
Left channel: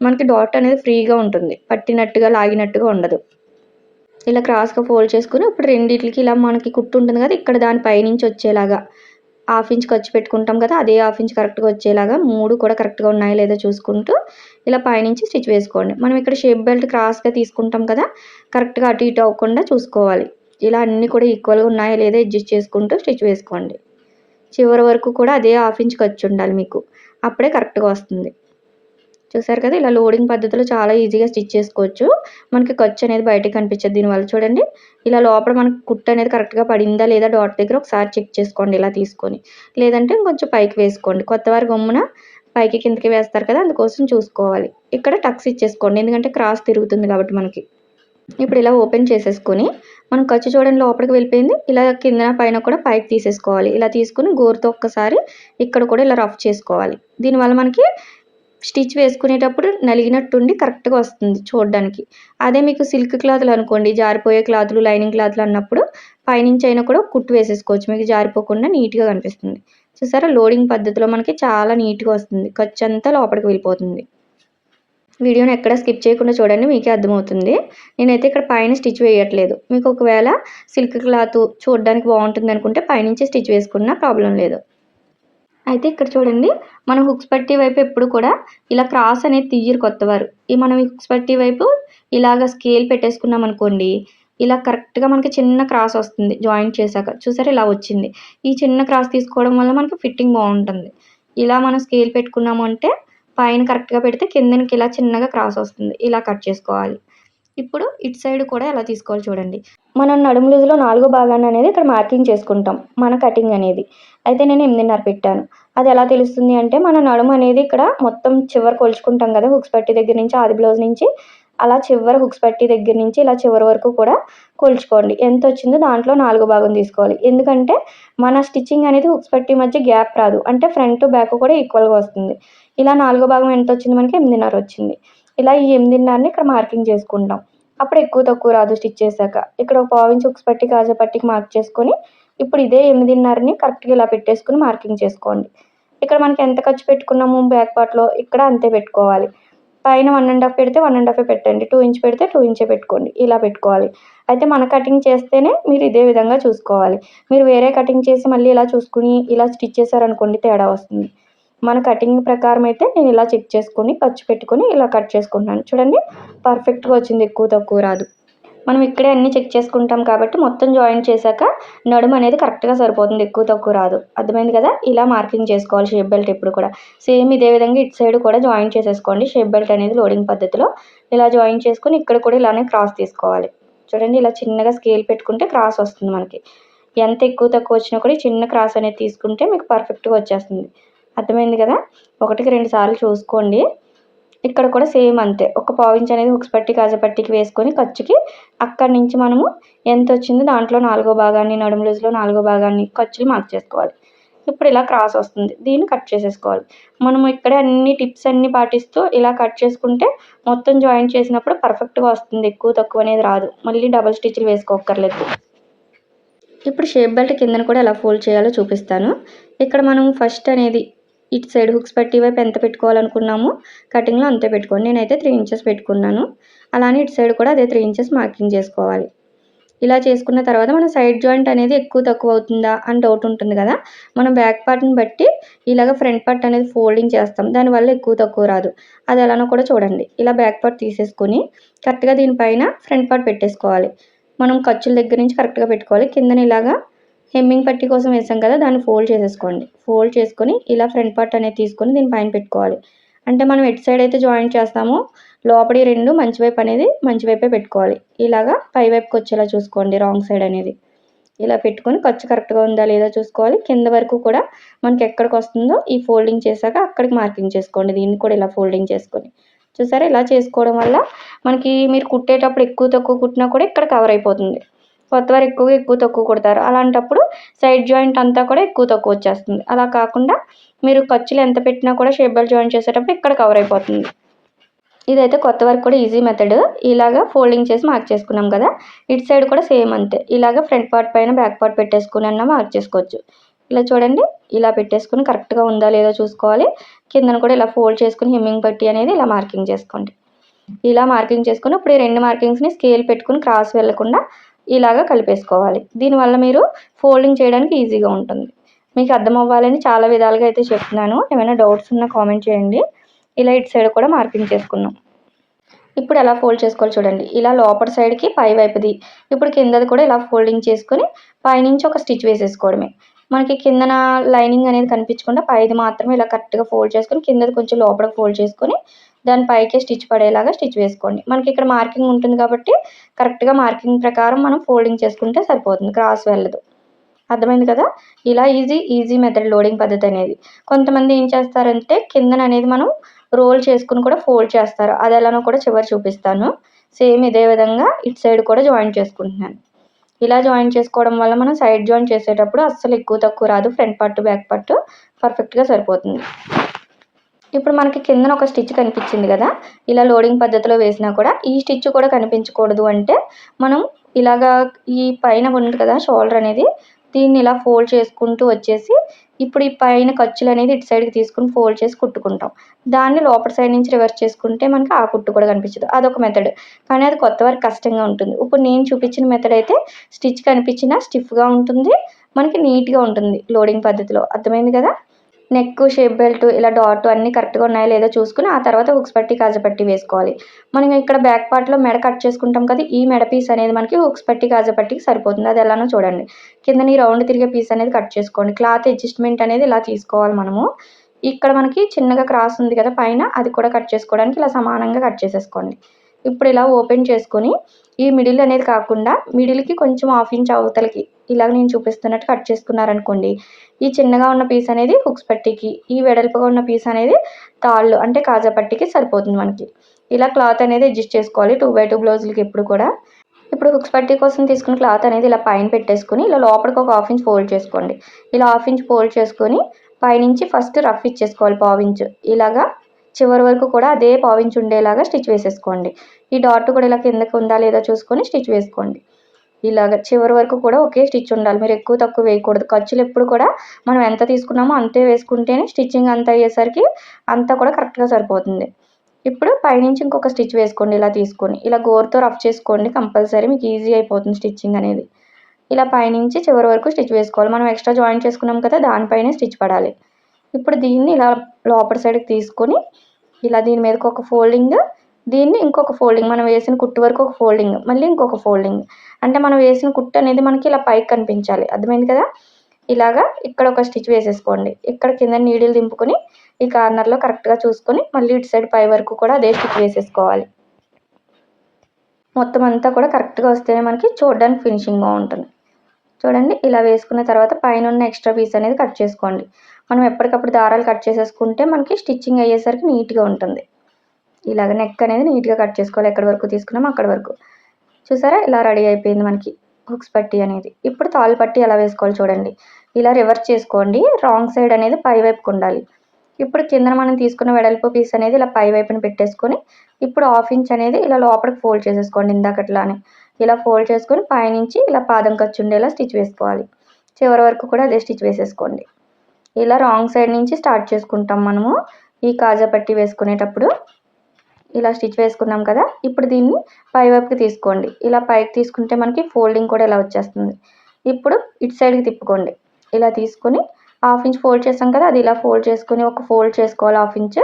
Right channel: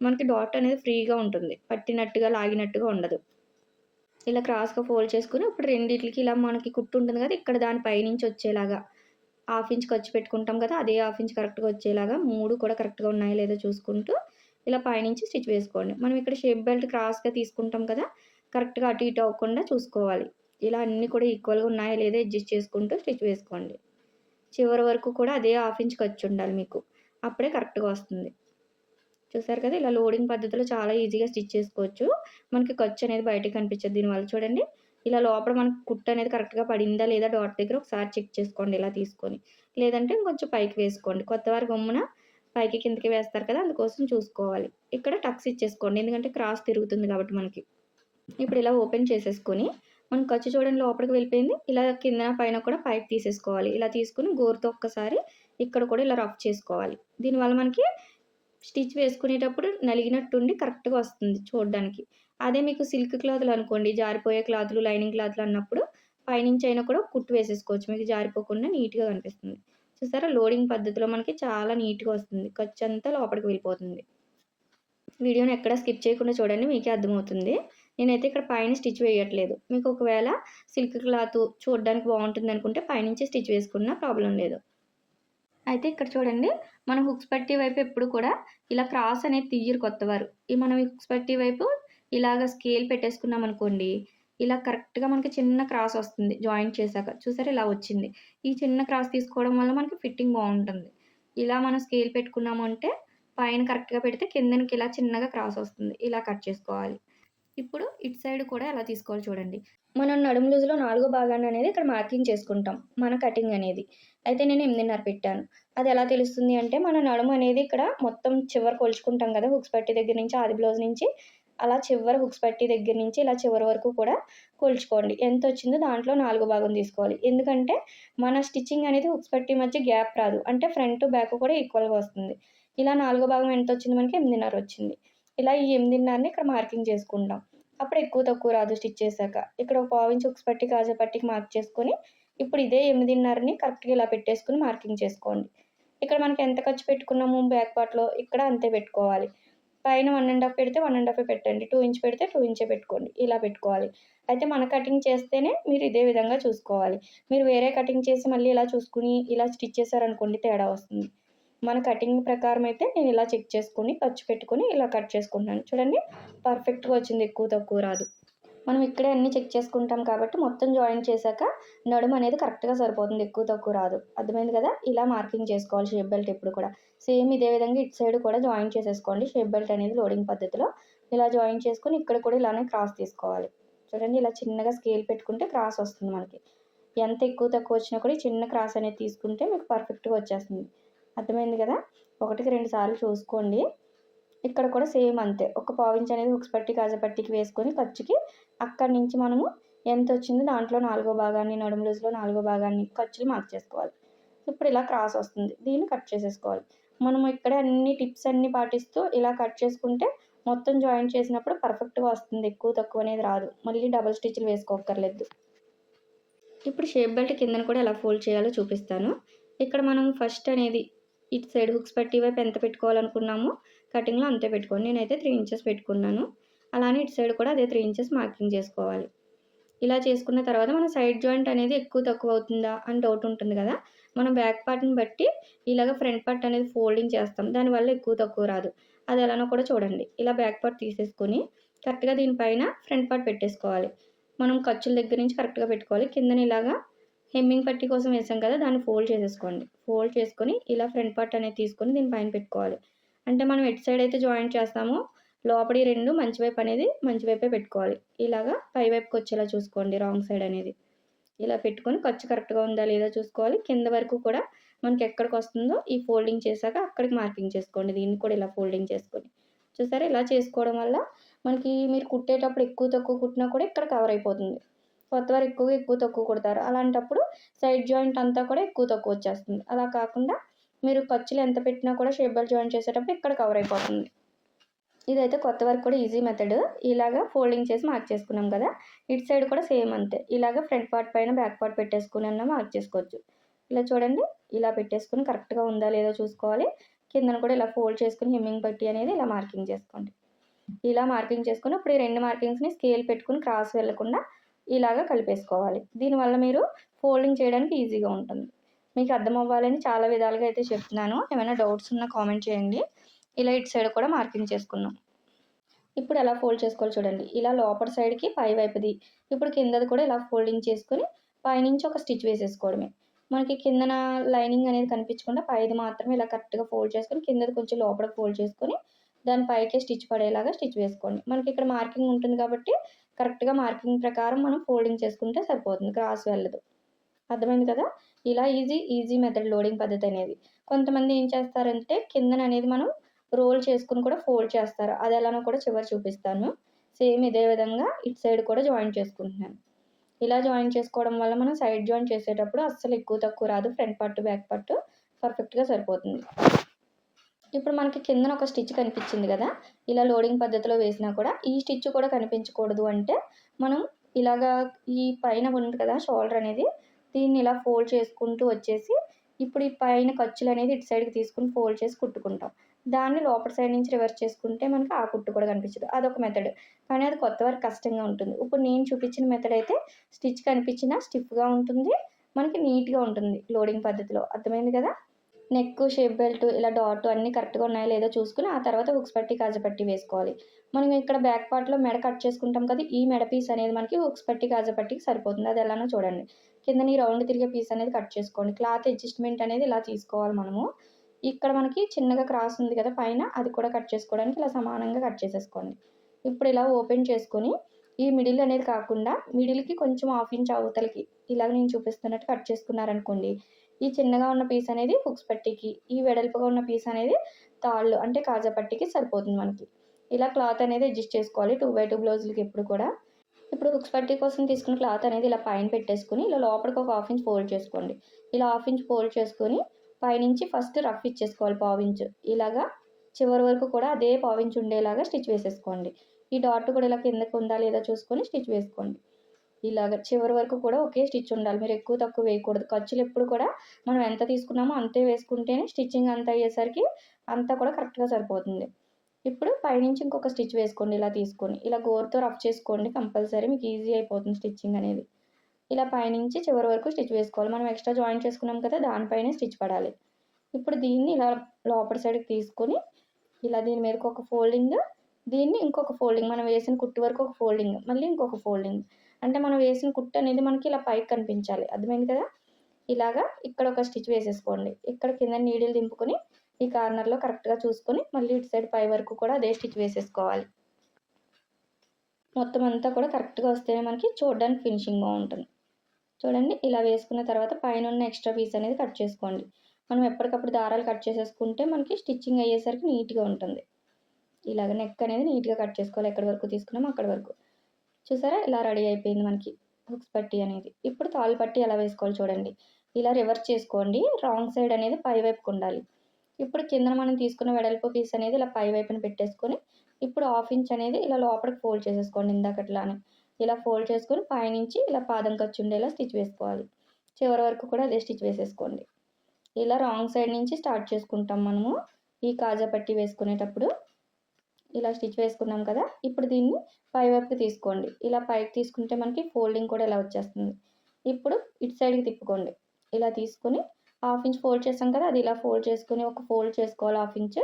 మనకి డాట్ అనేది ఫ్రీగా ఉంటుంది. పట్టినట్టుగా, లాగినట్టుగా ఉండదు. ఇలా క్రాస్‌గా ఫోల్డ్ చేసుకొని ఇప్పుడు రెండిట్లకి ఇలా మనకి కుట్టు ఉంటుంది కదా! ఇక్కడ దాని పైనుంచి వచ్చేలాగా హాఫ్ ఇంచ్ ఖర్చు పెట్టుకుంటాం కదా! అదే హాఫ్ ఇంచ్ కరెక్ట్‌గా వచ్చేలాగా 3 కూడా కరెక్ట్‌గా ఉన్నాయో లేదో చూసుకుంటూ ఇలా పైనుంచి స్టిచ్ వేసుకోండి. మనం ఇక్కడ షేప్ బెల్ట్ క్రాస్‌గా తీసుకుంటాం కదా! కరెక్ట్‌గా అటు ఇటు అవ్వకుండా చూసుకోవాలి. ఇలా అన్నీ కూడా ఈక్వల్‌గా ఉన్నాయో లేదో అడ్జస్ట్ చేసుకుంటూ స్టిచ్ వేసుకోండి. చివరి వరకు కూడా అదే హాఫ్ ఇంచ్ ఖర్చు ఉండాలి మీకు. అప్పుడే కరెక్ట్‌గా వస్తుంది. చూసారు కదా! ఇలా లోడింగ్ పద్ధతిలో చాలా ఈజీగా స్టిచ్ చేసుకోవచ్చు. మనకి ఖర్చు అనేది బయటకి కనిపించదు దీనివల్ల. చూడండి ఇలా లోపల మనకు కుట్టు అనేది కరెక్ట్‌గా పడిందా లేదా డాట్ దగ్గర ఒకసారి చెక్ చేసుకోండి ఇలా తీసుకొని. లేదంటే ఇంకొంచెం పైకి వేసుకోండి. కొత్తవారు గమ్మున పైకి కిందకి వేస్తారు కదా! అందుకోసం చూసుకోవాలి. ఇక్కడ టక్స్ ఇచ్చేసుకోండి. ఎందుకంటే క్రాస్ తిరుగుతుంది కాబట్టి మనకి. ఇప్పుడు ఇలా ఓపెన్ చేసేసుకొని మనం ఖర్చు చూడండి లోపలికి వెళ్ళిపోయింది. ఇలా కిందన పైన కూడా పైకి తీసేసుకోవాలి. ఇలా తీసుకొని గోరుతో ఒక్కసారి ఇక్కడ కూడా ఇలా రఫ్ చేసుకోవాలి. దీనివల్ల మనకి స్టిచ్ వేసుకునేటప్పుడు నలిగినట్టుండి కరెక్ట్‌గా వస్తుంది చూడడానికి. అదే మీకు సిల్క్ క్లాతులు అనుకోండి, జారిపోయే క్లాతులు, లైనింగ్ క్లాతులు అన్నప్పుడు పైనుంచి అయినా కూడా కుట్టు వేసేసుకోవచ్చు. మీకు జారిపోకుండా నీట్‌గా కనిపిస్తుంది. చూసారా లోడింగ్ పద్ధతిలో మనకి చాలా నీట్‌గా వస్తుంది. ఖర్చంతా లోపలికి వెళ్ళిపోతుంది. వీడియోని ఎక్కడ స్కిప్ చేయకుండా చూడండి మీకే అర్థమవుతుంది. నేనైతే ఇక్కడ పైన స్టిచ్ వేయట్లేదు. మీకు ఒకవేళ సిల్క్ క్లాత్ చూడడానికి బాగుంటుందనుకుంటే పైనుంచి స్టిచ్ వేసుకున్నా ప్రాబ్లమ్ లేదు. అయితే ఇక్కడ చూడండి మనం హుక్స్ పట్టీ వైపు ఎప్పుడు కూడా ఇలా క్రాస్ అనేది తీయరు కొత్తవారు. మనం ఈ హుక్స్ పట్టీ వైపు ఇలాగ స్కేల్ పెట్టేసుకున్నాం అనుకోండి, ఇలా కరెక్ట్‌గా మనకి చిన్న క్రాస్ వస్తుంది జాయింట్ చేశాక. చూసారా ఇలా వచ్చింది. ఈ చిన్న క్రాస్ తీసుకోవడం వల్ల మనకి ఫిట్టింగ్ బాగుంటుంది. ఇలా మనం స్కేల్ పెట్టుకున్నాము అంటే పైన కరెక్ట్‌గా పెడితే కిందనికి ఇలా చిన్నగా క్రాస్ వస్తుంది. ఇలా కట్ చేసుకోవాలి. ఇప్పుడు ఇటు సైడ్ కూడా ఎలా తీసుకోవాలో చూడండి. మనం నడుము లూజ్‌లో 4 భాగాన్ని అనేది ఇక్కడ మార్కింగ్ చేసుకుంటాం. మన కటింగ్ అనేది. అయితే నేను 8:30 పెట్టాను. అది ఎలా తెలుస్తుంది అంటే మన నడుము అనేది ఇక్కడ మొత్తం చివర కొలుచుకుంటాం కదా! హుక్స్ పట్టీ దగ్గర నుంచి ఆది బ్లౌజ్ నుంచి అలా చివర హుక్స్ పట్టీ దగ్గర నుంచి ఇలా చివరి వరకు కూడా కొలుచుకోండి. ఎంతొచ్చిందో దాంట్లో 4 భాగం తీసుకోవాలి. ఎందుకంటే మన స్టిచ్చింగ్ అనేది హుక్స్ పట్టీ మధ్య గ్యాప్ రాదు. అంటే ఫ్రంట్, బ్యాక్ కూడా ఈక్వల్‌గా వస్తుంది. ఇలా 4 భాగం ఎంతొచ్చింది మనకి 8:30 వచ్చింది. ఇలా ఈ 8:30ని ఇక్కడ మార్కింగ్ చేసుకుంటాం. అప్పుడు ఎక్కువ తక్కువ రాదు స్టిచ్ చేశాక. ఇక్కడ ఒక పావించి హుక్స్ పట్టీ, కాజా పట్టీకి మార్క్ చేసుకొని ఇప్పుడు ఇదే 8:30ని కరెక్ట్‌గా ఇలా పెట్టేసుకొని మార్కింగ్ చేసుకోండి. ఇక్కడ మనకి ఎంత ఖర్చు పెట్టుకున్నాము బ్యాక్ పార్ట్‌లో ఇక్కడ అంతే పెట్టుకోవాలి. పైన 1 ½ పెడితే 1 ½ పెట్టండి. 2 ఇంచ్ పెడితే 2 ఇంచే పెట్టుకోండి. ఇలా పెట్టుకోవాలి. అయితే మన కటింగ్ చేస్తేనే మీరు ఇదే విధంగా చూసుకోవాలి. మీరు వేరే కటింగ్ చేసి మళ్ళీ ఇలా చూసుకొని ఇలా స్టిచ్ చేశారనుకోండి తేడా వస్తుంది. మన కటింగ్ ప్రకారం అయితే నేను ఇలా చెక్ చేసుకొని ఖర్చు పెట్టుకొని ఇలా కట్ చేసుకుంటున్నాను. చూడండి పర్ఫెక్ట్‌గా వచ్చింది. ఎక్కువ తక్కువ రాదు. మనం ఇక్కడే అన్నీ చెక్ చేసుకుంటాం కాబట్టి మొత్తం జాయింట్ చేశాక నడుము అనేది కరెక్ట్‌గా సరిపోతుంది. ఎక్కువ తక్కువ రాదు. అర్థమైంది కదా! ఇలా మార్కింగ్ చేసుకోవాలి షేప్ బెల్ట్ ఎప్పుడు కూడా. సేమ్ ఇదే విధంగా ఇటు సైడ్ కూడా జాయింట్ చేసేసుకోండి. షేప్ బెల్ట్ అనేది లోడింగ్ పద్ధతిలో ఇలా జాయింట్ చేసుకొని ఇక్కడ కూడా ఇలానే క్రాస్ తీసుకోవాలి. చూడండి ఇలా చిన్నగా స్కేల్ పెట్టుకుంటే క్రాస్ వస్తుంది మనకి. ఎంత ఎక్కువ తక్కువ వచ్చినా కూడా ఈ చిన్న క్రాస్ అనేది తీసుకుంటే మీకు పర్ఫెక్ట్‌గా వచ్చేస్తుంది. అర్థమైంది కదా! 1కి 2 సార్లు చూసుకోండి. ఇక్కడ కూడా సేమ్ అంతే. ఒక పావించి అనేది హుక్స్ పట్టీ, కాజా పట్టీకి వేసుకొని ఖర్చుకి అక్కడి నుంచి మనము ఎంతొచ్చిందో దాంట్లో 4 భాగాన్ని నడుము లూజ్‌లో 4 భాగాన్ని ఖర్చులు మార్క్ చేసుకోవాలి. ఇప్పుడు ఇలా క్రాస్ వస్తుంది. దీన్ని కట్ చేసేసుకోవాలి. మనము ఇక్కడే అన్ని టిప్స్ అన్నీ పాటిస్తూ ఇలా కట్ చేసుకుంటే మొత్తం జాయింట్ చేసినప్పుడు పర్ఫెక్ట్‌గా వస్తుంది. ఎక్కువ తక్కువ అనేది రాదు. మళ్ళీ డబుల్ స్టిచ్‌లు వేసుకోక్కర్లేదు. ఇప్పుడు షేప్ బెల్ట్ కిందన కూడా ఎలా ఫోల్డ్ చేయాలో చూపిస్తాను. ఇక్కడ మనం ఫస్ట్ అనేది ఇటు సైడ్ హుక్స్ పట్టీ వైపు ఎంత పెట్టుకోవాలనుకున్నామో కటింగ్‌లో అంతే పెట్టుకోండి. నేనైతే 3 ఇంచెస్ పెట్టుకున్నాను. అలానే ఇటు సైడ్ కూడా అదే 3 ఇంచెస్ మార్కింగ్ చేసుకోవాలి. ఇలా చేసుకున్న తర్వాత మన సైడ్ జాయింట్ అనేది ఎక్కువ తక్కువ అవుతుందా అని డౌట్ ఉంటుంది కదా! మనం బ్యాక్ పార్ట్‌ని బట్టి ఇలాగ ఫ్రంట్ పార్ట్ అనేది ఫోల్డింగ్ చేస్తాం. దానివల్ల ఎక్కువ తక్కువ రాదు. అది ఎలానో కూడా చూడండి. ఇలా బ్యాక్ పార్ట్ తీసేసుకొని కరెక్ట్‌గా దీనిపైన ఫ్రంట్ పార్ట్ పెట్టేసుకోవాలి. మనం ఖర్చుల దగ్గర నుంచి కరెక్ట్‌గా పెట్టుకోవాలి. కిందన ఇలాగా హెమ్మింగ్ పట్టీ కోసం వేసాం కదా! దాన్ని ఫోల్డ్ చేసేసుకోండి. ఫోల్డ్ చేసుకొని ఇలా ఫ్రంట్ పార్ట్ అనేది తీసుకొని దీని పైన పెట్టుకోవాలి. అంటే మనం ఎటు సైడ్ అయితే జాయింట్ చేస్తామో లోపలి 2 మంచి వైపు అనేది మంచి వైపే పెట్టుకోవాలి. ఇలాగా పై వైపుకి వచ్చేలా చూసుకోండి రాంగ్ సైడ్ అనేది. ఇలా పెట్టుకొని ఖర్చు కరెక్ట్‌గా ఉందా లేదా చూసుకోవాలి. కింద వరకు కూడా మనకి ఎక్కడికి వస్తుందో ఈ ఫోల్డింగ్ చేశాక అక్కడికి మార్కింగ్ చేసుకోండి. దీన్ని కూడా ఇలా ఫోల్డింగ్ చేసుకొని. చూసారా ఇలా చేసుకోవడం వల్ల మనకి మీరు కుట్టేటప్పుడు ఎక్కువ తక్కువ కుట్టినా కూడా ఇక్కడ కవర్ అయిపోతుంది. కొత్తవారు ఎక్కువ తక్కువ కుడతారు. అలాంటప్పుడు సైడ్ జాయింట్ అంతా కూడా ఎక్కువ తక్కువ వచ్చేస్తుంది. అలా కాకుండా మీరు ఖర్చులు ఎంత పెట్టినా కూడా షేప్ బెల్ట్ జాయింట్ చేసేటప్పుడు ఇక్కడ కవర్ అయిపోతుంది. ఇదైతే కొత్త వర్క్ కూడా ఈజీ మెథడ్. ఇలాగా ఫోల్డింగ్ చేసి మార్క్ చేసుకున్నాం కదా! ఇటు సైడ్ కూడా సేమ్ అంతే. ఇలాగ ఫ్రంట్ పార్ట్ పైన బ్యాక్ పార్ట్ పెట్టేసుకొనన్నా మార్క్ చేసుకోవచ్చు. ఇలా చూడండి, ఇలా పెట్టేసుకొని కరెక్ట్‌గా ఉందా లేదో చూసుకోవాలి. కిందన కూడా ఇలా ఫోల్డ్ చేసుకొని హెమ్మింగ్ పట్టీ అనేది ఇలా మార్కింగ్ చేసుకోండి. ఇలా మార్కింగ్ చేసుకొని ఇప్పుడు ఈ 2 మార్కింగ్స్‌ని స్కేల్ పెట్టుకొని క్రాస్ వెళ్ళకుండా ఇలాగ కలిపేసుకోవాలి. దీనివల్ల మీరు ఫోల్డింగ్ చేయడానికి ఈజీగా ఉంటుంది. మీకు అర్థం అవ్వాలని చాలా విధాలుగా అయితే చెప్తున్నాను. ఏమైనా డౌట్స్ ఉన్నా కామెంట్ చేయండి. ఇలా ఇటు సైడ్ కూడా మార్కింగ్ చేసుకున్నాం. ఇప్పుడు ఎలా ఫోల్డ్ చేసుకోవాలో చూడండి. ఇలా లోపటి సైడ్‌కి పై వైపుది. ఇప్పుడు కిందది కూడా ఇలా ఫోల్డింగ్ చేసుకొని పైనుంచి ఒక స్టిచ్ వేసేసుకోవడమే. మనకి కిందన లైనింగ్ అనేది కనిపించకుండా పైది మాత్రమే ఇలా కరెక్ట్‌గా ఫోల్డ్ చేసుకొని కిందది కొంచెం లోపలికి ఫోల్డ్ చేసుకొని దాని పైకే స్టిచ్ పడేలాగా స్టిచ్ వేసుకోండి. మనకి ఇక్కడ మార్కింగ్ ఉంటుంది కాబట్టి కరెక్ట్‌గా మార్కింగ్ ప్రకారం మనం ఫోల్డింగ్ చేసుకుంటే సరిపోతుంది. క్రాస్ వెళ్ళదు. అర్థమైంది కదా! ఇలా ఈజీ మెథడ్ లోడింగ్ పద్ధతి అనేది. కొంతమంది ఏం చేస్తారంటే కిందననేది మనం రోల్ చేసుకొని కూడా ఫోల్డ్ చేస్తారు. అది ఎలానో కూడా చివర చూపిస్తాను. సేమ్ ఇదే విధంగా ఇటు సైడ్ కూడా జాయిన్ చేసుకుంటున్నాను. ఇలా జాయిన్ చేసుకోవడం వల్ల మనం సైడ్ జాయిన్ చేసేటప్పుడు అస్సలు ఎక్కువ తక్కువ రాదు. ఫ్రంట్ పార్ట్, బ్యాక్ పార్ట్ పర్ఫెక్ట్‌గా సరిపోతుంది. ఇప్పుడు మనకి కిందన ఒక స్టిచ్ కనిపించింది కదా! ఇలా లోడింగ్ పద్ధతిలో వేసినా కూడా ఈ స్టిచ్ కూడా కనిపించకూడదు అంటే మనం ఇలాగా ఈ పైన ఉంది కదా షోల్డర్ అనేది, దీన్ని ఇలా ఫోల్డ్ చేసుకుంటూ వచ్చేసి ఇప్పుడు ఈ పైన ఖర్చులనేది ఇటు సైడ్‌కి తీసుకొని ఫోల్డ్ చేసి కుట్టుకుంటాం. దాన్ని లోపటి సైడ్ నుంచి రివర్స్ చేసుకుంటే మనకి ఆ కుట్టు కూడా కనిపించదు. అదొక మెథడ్. కానీ అది కొత్త వారికి కష్టంగా ఉంటుంది. ఇప్పుడు నేను చూపించిన మెథడ్ అయితే స్టిచ్ కనిపించినా స్టిఫ్‌గా ఉంటుంది. మనకి నీట్‌గా ఉంటుంది లోడింగ్ పద్ధతిలో. అర్థమైంది కదా! నెక్, షేప్ బెల్ట్ ఇలా డాట్ అన్నీ కరెక్ట్‌గా ఉన్నాయో లేదో చూసుకొని ఆ తర్వాత హుక్స్ పట్టి, కాజా పట్టి వేసుకోవాలి. మనం ఇక్కడ బ్యాక్ పార్ట్‌లో మెడ కట్ చేసుకుంటాం కదా! ఈ మెడ పీస్ అనేది మనకి హుక్స్ పట్టి, కాజా పట్టికి సరిపోతుంది. అది ఎలానో చూడండి. కిందన ఈ రౌండ్ తిరిగే పీస్ అనేది కట్ చేసుకోండి. క్లాత్ అడ్జస్ట్‌మెంట్ అనేది ఇలా తీసుకోవాలి మనము. ఇక్కడ మనకి చిన్నగా క్రాస్ ఉంది కదా పైన, అది కూడా కట్ చేసుకోవడానికి ఇలా సమానంగా కట్ చేసేసుకోండి. ఇప్పుడు ఇలా ఓపెన్ చేసుకొని ఈ మిడిల్ అనేది కాకుండా మిడిల్‌కి కొంచెం హాఫ్ ఇంచ్ అవతలకి ఇలాగ నేను చూపిస్తున్నట్టు కట్ చేసుకున్నారనుకోండి. ఈ చిన్నగా ఉన్న పీస్ అనేది హుక్స్ పట్టీకి, ఈ వెడల్పుగా ఉన్న పీస్ అనేది తాళ్ళు అంటే కాజా పట్టీకి సరిపోతుంది మనకి. ఇలా క్లాత్ అనేది అడ్జస్ట్ చేసుకోవాలి 2x2 బ్లౌజులకి ఎప్పుడు కూడా. ఇప్పుడు హుక్స్ పట్టీ కోసం తీసుకున్న క్లాత్ అనేది ఇలా పైన పెట్టేసుకొని ఇలా లోపలికి ఒక హాఫ్ ఇంచ్ ఫోల్డ్ చేసుకోండి. ఇలా హాఫ్ ఇంచ్ ఫోల్డ్ చేసుకొని పైనుంచి ఫస్ట్ రఫ్ ఇచ్చేసుకోవాలి పావించు. ఇలాగా చివరి వరకు కూడా అదే పావించు ఉండేలాగా స్టిచ్ వేసేసుకోండి. ఈ డాట్ కూడా ఇలా కిందకి ఉందా లేదా చూసుకొని స్టిచ్ వేసుకోండి. ఇలాగ చివరి వరకు కూడా ఒకే స్టిచ్ ఉండాలి. మీరు ఎక్కువ తక్కువ వేయకూడదు. ఖర్చులు ఎప్పుడు కూడా మనం ఎంత తీసుకున్నామో అంతే వేసుకుంటేనే స్టిచ్చింగ్ అంతా అయ్యేసరికి అంతా కూడా కరెక్ట్‌గా సరిపోతుంది. ఇప్పుడు పైనుంచి ఇంకొక స్టిచ్ వేసుకోండి ఇలా తీసుకొని. ఇలా గోరుతో రఫ్ చేసుకోండి కంపల్సరీ మీకు ఈజీ అయిపోతుంది స్టిచ్చింగ్ అనేది. ఇలా పైనుంచి చివరి వరకు స్టిచ్ వేసుకోవాలి. మనం ఎక్స్ట్రా జాయిన్ చేసుకున్నాం కదా! దానిపైనే స్టిచ్ పడాలి. ఇప్పుడు దీన్ని ఇలా లోపటి సైడ్‌కి తీసుకొని ఇలా దీని మీదకి ఒక ఫోల్డింగ్, దీన్ని ఇంకొక ఫోల్డింగ్ మనం వేసిన కుట్టు వరకు ఒక ఫోల్డింగ్, మళ్ళీ ఇంకొక ఫోల్డింగ్. అంటే మనం వేసిన కుట్టు అనేది మనకి ఇలా పైకి కనిపించాలి. అర్థమైంది కదా! ఇలాగా ఇక్కడ ఒక స్టిచ్ వేసేసుకోండి. ఇక్కడ కింద నీడిల్ దింపుకొని ఈ కార్నర్‌లో కరెక్ట్‌గా చూసుకొని మళ్ళీ ఇటు సైడ్ పై వరకు కూడా అదే స్టిచ్ వేసేసుకోవాలి. మొత్తం అంతా కూడా కరెక్ట్‌గా వస్తేనే మనకి చూడడానికి ఫినిషింగ్ బావుంటుంది. చూడండి ఇలా వేసుకున్న తర్వాత పైనున్న ఎక్స్ట్రా పీస్ అనేది కట్ చేసుకోండి. మనం ఎప్పటికప్పుడు దారాలు కట్ చేసేసుకుంటే మనకి స్టిచ్చింగ్ అయ్యేసరికి నీట్‌గా ఉంటుంది. ఇలాగ నెక్ అనేది నీట్‌గా కట్ చేసుకోవాలి. ఎక్కడి వరకు తీసుకున్నామో అక్కడి వరకు. చూసారా? ఇలా రెడీ అయిపోయింది మనకి హుక్స్ పట్టీ అనేది. ఇప్పుడు తాళ్ళు పట్టీ ఎలా వేసుకోవాలో చూడండి. ఇలా రివర్స్ చేసుకోండి. రాంగ్ సైడ్ అనేది పై వైపుకు ఉండాలి. ఇప్పుడు కిందన మనం తీసుకున్న వెడల్పు పీస్ అనేది ఇలా పై వైపున పెట్టేసుకొని ఇప్పుడు హాఫ్ ఇంచ్ అనేది ఇలా లోపలికి ఫోల్డ్ చేసేసుకోండి ఇందాకట్లానే. ఇలా ఫోల్డ్ చేసుకొని పైనుంచి ఇలా పాదం ఖర్చు ఉండేలా స్టిచ్ వేసుకోవాలి. చివరి వరకు కూడా అదే స్టిచ్ వేసేసుకోండి. ఇలా రాంగ్ సైడ్ నుంచి స్టార్ట్ చేసుకుంటాం మనము ఈ కాజా పట్టీ వేసుకునేటప్పుడు. ఇలా స్టిచ్ వేసుకున్నాం కదా! ఇప్పుడు దీన్ని పై వైపుకి తీసుకోండి. ఇలా పైకి తీసుకుంటే మనకి ఫోల్డింగ్ కూడా ఇలా వచ్చేస్తుంది. ఇప్పుడు ఇటు సైడ్‌కి తిప్పుకోండి. ఇలా తీసుకొని హాఫ్ ఇంచ్ ఫోల్డ్ చేసాం కదా! అది ఇలా ఫోల్డ్ చేసుకొని ఒక ఫోల్డ్ చేసుకోవాలి హాఫ్ ఇంచ్.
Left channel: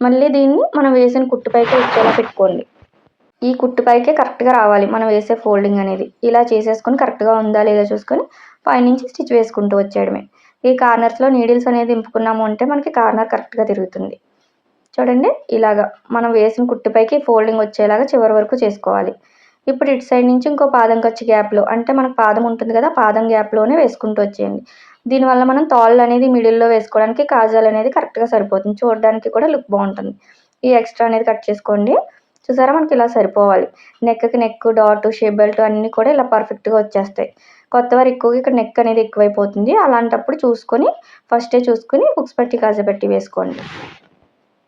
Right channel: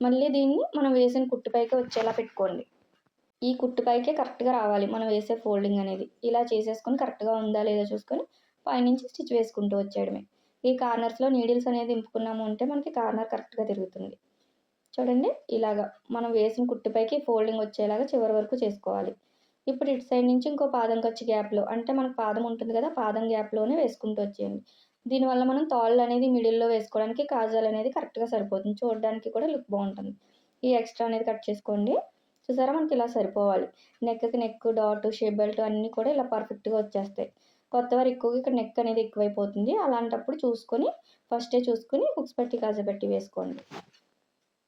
మళ్ళీ దీన్ని మనం వేసిన కుట్టు పైకే వచ్చేలా పెట్టుకోండి. ఈ కుట్టు పైకే కరెక్ట్‌గా రావాలి మనం వేసే ఫోల్డింగ్ అనేది. ఇలా చేసేసుకొని కరెక్ట్‌గా ఉందా లేదా చూసుకొని పైనుంచి స్టిచ్ వేసుకుంటూ వచ్చేయడమే. ఈ కార్నర్స్‌లో నీడిల్స్ అనేది దింపుకున్నాము అంటే మనకి కార్నర్ కరెక్ట్‌గా తిరుగుతుంది. చూడండి ఇలాగా మనం వేసిన కుట్టు పైకి ఫోల్డింగ్ వచ్చేలాగా చివరి వరకు చేసుకోవాలి. ఇప్పుడు ఇటు సైడ్ నుంచి ఇంకో పాదం ఖర్చు గ్యాప్‌లో అంటే మనకు పాదం ఉంటుంది కదా! పాదం గ్యాప్‌లోనే వేసుకుంటూ వచ్చేయండి. దీనివల్ల మనం తాళ్ళు అనేది మిడిల్‌లో వేసుకోవడానికి కాజాలు అనేది కరెక్ట్‌గా సరిపోతుంది. చూడడానికి కూడా లుక్ బావుంటుంది. ఈ ఎక్స్ట్రా అనేది కట్ చేసుకోండి. చూసారా మనకి ఇలా సరిపోవాలి. నెక్‌కి నెక్, డాట్, షేప్ బెల్ట్ అన్నీ కూడా ఇలా పర్ఫెక్ట్‌గా వచ్చేస్తాయి. కొత్తవారు ఎక్కువగా ఇక్కడ నెక్ అనేది ఎక్కువైపోతుంది. అలాంటప్పుడు చూసుకొని ఫస్టే చూసుకొని హుక్స్ పట్టి, కాజా పట్టి వేసుకోండి.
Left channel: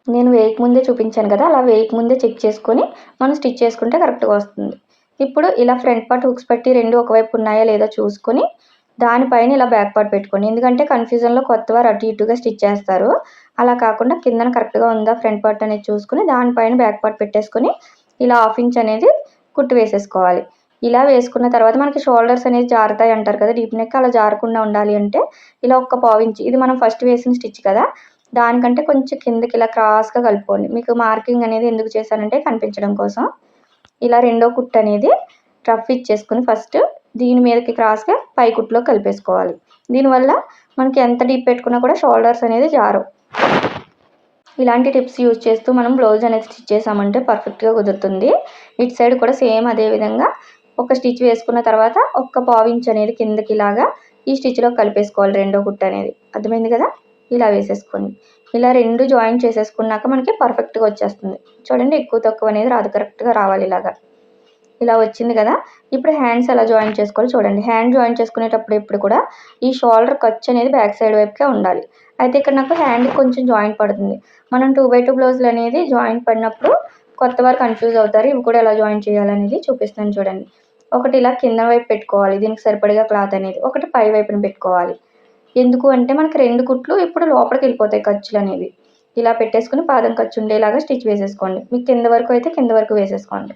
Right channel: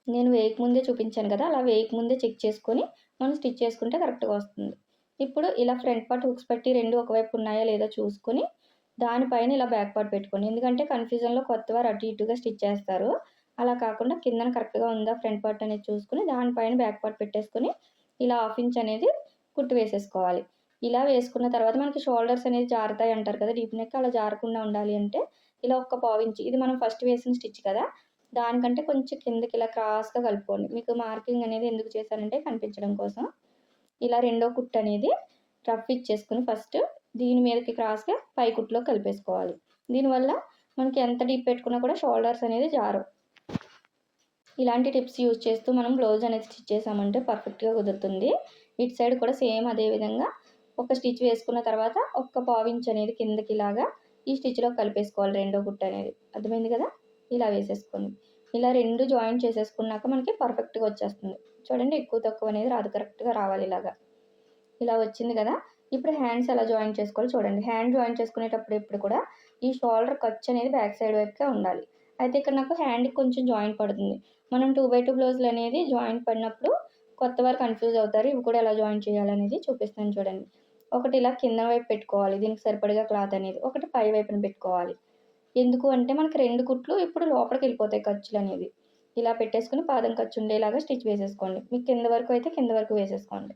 నేను వేయకముందే చూపించాను కదా, అలా వేయకముందే చెక్ చేసుకొని మనం స్టిచ్ చేసుకుంటే కరెక్ట్‌గా వస్తుంది. ఇప్పుడు ఇలా ఫ్రంట్ పార్ట్ హుక్స్ పెట్టి 2 ఒకవైపు ఉన్నాయా లేదా చూసుకొని, దానిపైన ఇలా బ్యాక్ పార్ట్ పెట్టుకోండి. ఎందుకంటే కన్‌ఫ్యూజన్‌లో కొత్తవారు అటు ఇటుగా స్టిచ్ చేస్తారు. అలా కాకుండా కిందన కరెక్ట్‌గా ఉందా ఫ్రంట్ పార్ట్ అనేది చూసుకొని, దానిపైన బ్యాక్ పార్ట్ పెట్టేసుకొని, ఇలా హాఫ్ ఇంచ్ అనేది కుట్టు వేసేసుకోవాలి. ఇలా వేసుకున్న తర్వాత మనకి షోల్డర్స్ అనేది జారుతాయి అంటారు కదా, డీప్ నెక్ అలా జారకుండా ఉండాలి అంటే, ఇలా ఒక పావించి ఇది మనం ఫస్ట్ వేసిన స్టిచ్ కదా, దానికంటే కొంచెం కిందకి ఇలా క్రాస్‌గా కలుపుకోండి. మీకు మార్కింగ్ అనేది ఎందుకు చేశానంటే కనిపించడం కోసం. ఇలా రెండో కుట్టు అనేది రఫ్ ఇచ్చేసుకొని ఫస్ట్ దీని మీదకి క్రాస్‌గా పై కుట్టులో కలిపేసుకోవాలి. దీనివల్ల మనకి ఎంత డీప్ పెట్టుకున్నా కూడా షోల్డర్స్ అనేది జారవు. ఇలాంటి టిప్స్ యూజ్ చేస్తూ మనం బ్లౌజ్ అనేది స్టిచ్ చేసామంటే పర్ఫెక్ట్‌గా కుదురుతుంది. ఇటు సైడ్ కూడా సేమ్ అదే విధంగా ఒక స్టిచ్ వేసుకున్న తర్వాత ఒక్క పావించ్ అనేది కిందకి ఇలాగా ఈ స్టిచ్‌లో కలిపేసుకోవాలి రెండో కుట్టు అనేది. అర్థమైంది కదా, ఇలా వేసేసుకోండి. ఇలా 2 జాయిన్ చేసేసుకున్నాక మనకి పర్ఫెక్ట్‌గా వచ్చేస్తుంది. చూడండి, ఎక్కువ తక్కువ అనేది రాదు, కరెక్ట్‌గా రావాలి ఇలాగా. ఇలా వచ్చింది కదా, ఇప్పుడు హ్యాండ్స్ ఎలా జాయిన్ చేసుకోవాలో చూడండి. హ్యాండ్ జాయిన్ చేసుకునేటప్పుడు ఎప్పుడు కూడా ఈ షోల్డర్ ఖర్చు అనేది బ్యాక్ సైడ్ వైపుకే ఉండాలి. అయితే ఇక్కడ నాకు హ్యాండ్‌కి కొంచెం జాయింట్ పడుతుంది. మనం 2/2 బ్లౌజులు అనేది జాయింట్ పడినప్పుడు కొత్తవారు కన్‌ఫ్యూజ్ అవుతారు. ఇవి కూడా ఎలా జాయిన్ చేయాలనేది చూపిస్తాను చూడండి. ఒకటి ఇలా కింద వైపు పెట్టుకోవాలి, దీనికి సరిపడగా క్లాత్ అనేది. ఒకటి పై వైపున పెట్టుకోవాలి. ఎందుకు అంటే మనకి 2 కుట్లు ఇప్పుడు లోపలికి వెళ్ళిపోతాయి ఖర్చులనేవి. ఇలా పెట్టేసుకొని పాదం ఖర్చు ఉండేలాగా స్టిచ్ వేసేసుకోండి. మీకు కింద వరకు అయితే కింద వరకు వేసేసుకోండి.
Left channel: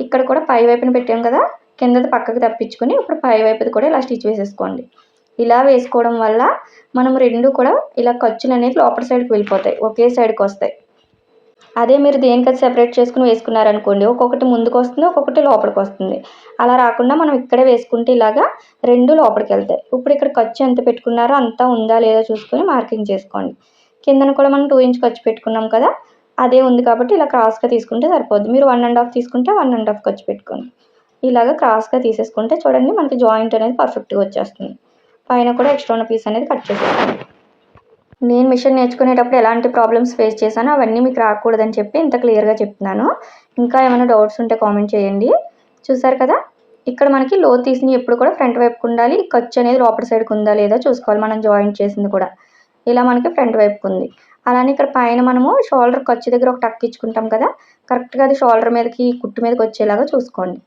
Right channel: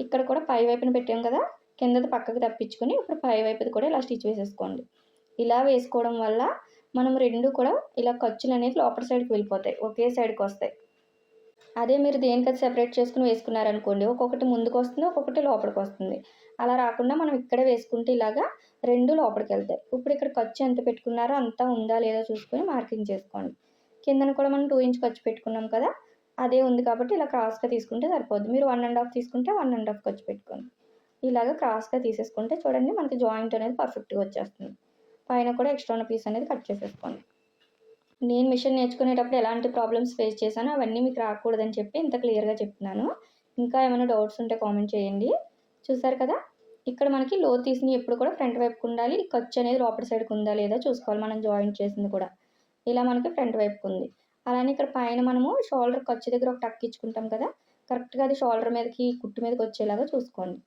ఇక్కడ కూడా పై వైపున పెట్టాం కదా, కిందది పక్కకు తప్పించుకొని ఇప్పుడు పై వైపుది కూడా ఇలా స్టిచ్ వేసేసుకోండి. ఇలా వేసుకోవడం వల్ల మనం 2 కూడా ఇలా ఖర్చులు అనేది లోపల సైడ్కి వెళ్ళిపోతాయి, ఒకే సైడ్కి వస్తాయి. అదే మీరు దేనికది సెపరేట్ చేసుకుని వేసుకున్నారనుకోండి, ఒక్కొక్కటి ముందుకు వస్తుంది, ఒక్కొక్కటి లోపలికి వస్తుంది. అలా రాకుండా మనం ఇక్కడే వేసుకుంటే ఇలాగా 2 లోపలికి వెళ్తాయి. ఇప్పుడు ఇక్కడ ఖర్చు ఎంత పెట్టుకున్నారో అంతా ఉందా లేదా చూసుకొని మార్కింగ్ చేసుకోండి. కిందన కూడా మనం 2 ఇంచ్ ఖర్చు పెట్టుకున్నాం కదా, అదే ఉంది కాబట్టి ఇలా క్రాస్‌గా తీసుకుంటే సరిపోద్ది. మీరు 1 ½ తీసుకుంటే 1 ½ ఖర్చు పెట్టుకోండి. ఇలాగ క్రాస్‌గా తీసేసుకుంటే చూడండి మనకి జాయింట్ అనేది పర్ఫెక్ట్‌గా వచ్చేస్తుంది. పైన కూడా ఎక్స్ట్రా ఉన్న పీస్ అనేది కట్ చేసేసుకోండి. నేను మిషన్ నేర్చుకునేటప్పుడు ఎలాంటి ప్రాబ్లమ్స్ ఫేస్ చేశానో అవన్నీ మీకు రాకూడదని చెప్పి ఇంత క్లియర్‌గా చెప్తున్నాను. ఇంకా ఏమైనా డౌట్స్ ఉంటే కామెంట్ చేయండి. చూసారు కదా, ఇక్కడ మనకి లోతు తీసినవి ఎప్పుడు కూడా ఫ్రంట్ వైపుకు ఉండాలి. ఖర్చు అనేది లోపల సైడ్‌కి ఉందా లేదా చూసుకోవాలి, మనం జాయింట్ చేసింది కూడా. ఇలా మనకి ఫ్రంట్ వైపుకు ఉంది. అలానే ఇక్కడ పైన మనము షోల్డర్ ఖర్చు దగ్గర ఒక టక్ ఇచ్చుకుంటాం కదా, కరెక్ట్‌గా అది షోల్డర్ మీదకి కుట్టు మీదకి వచ్చేలాగా చూసుకోండి.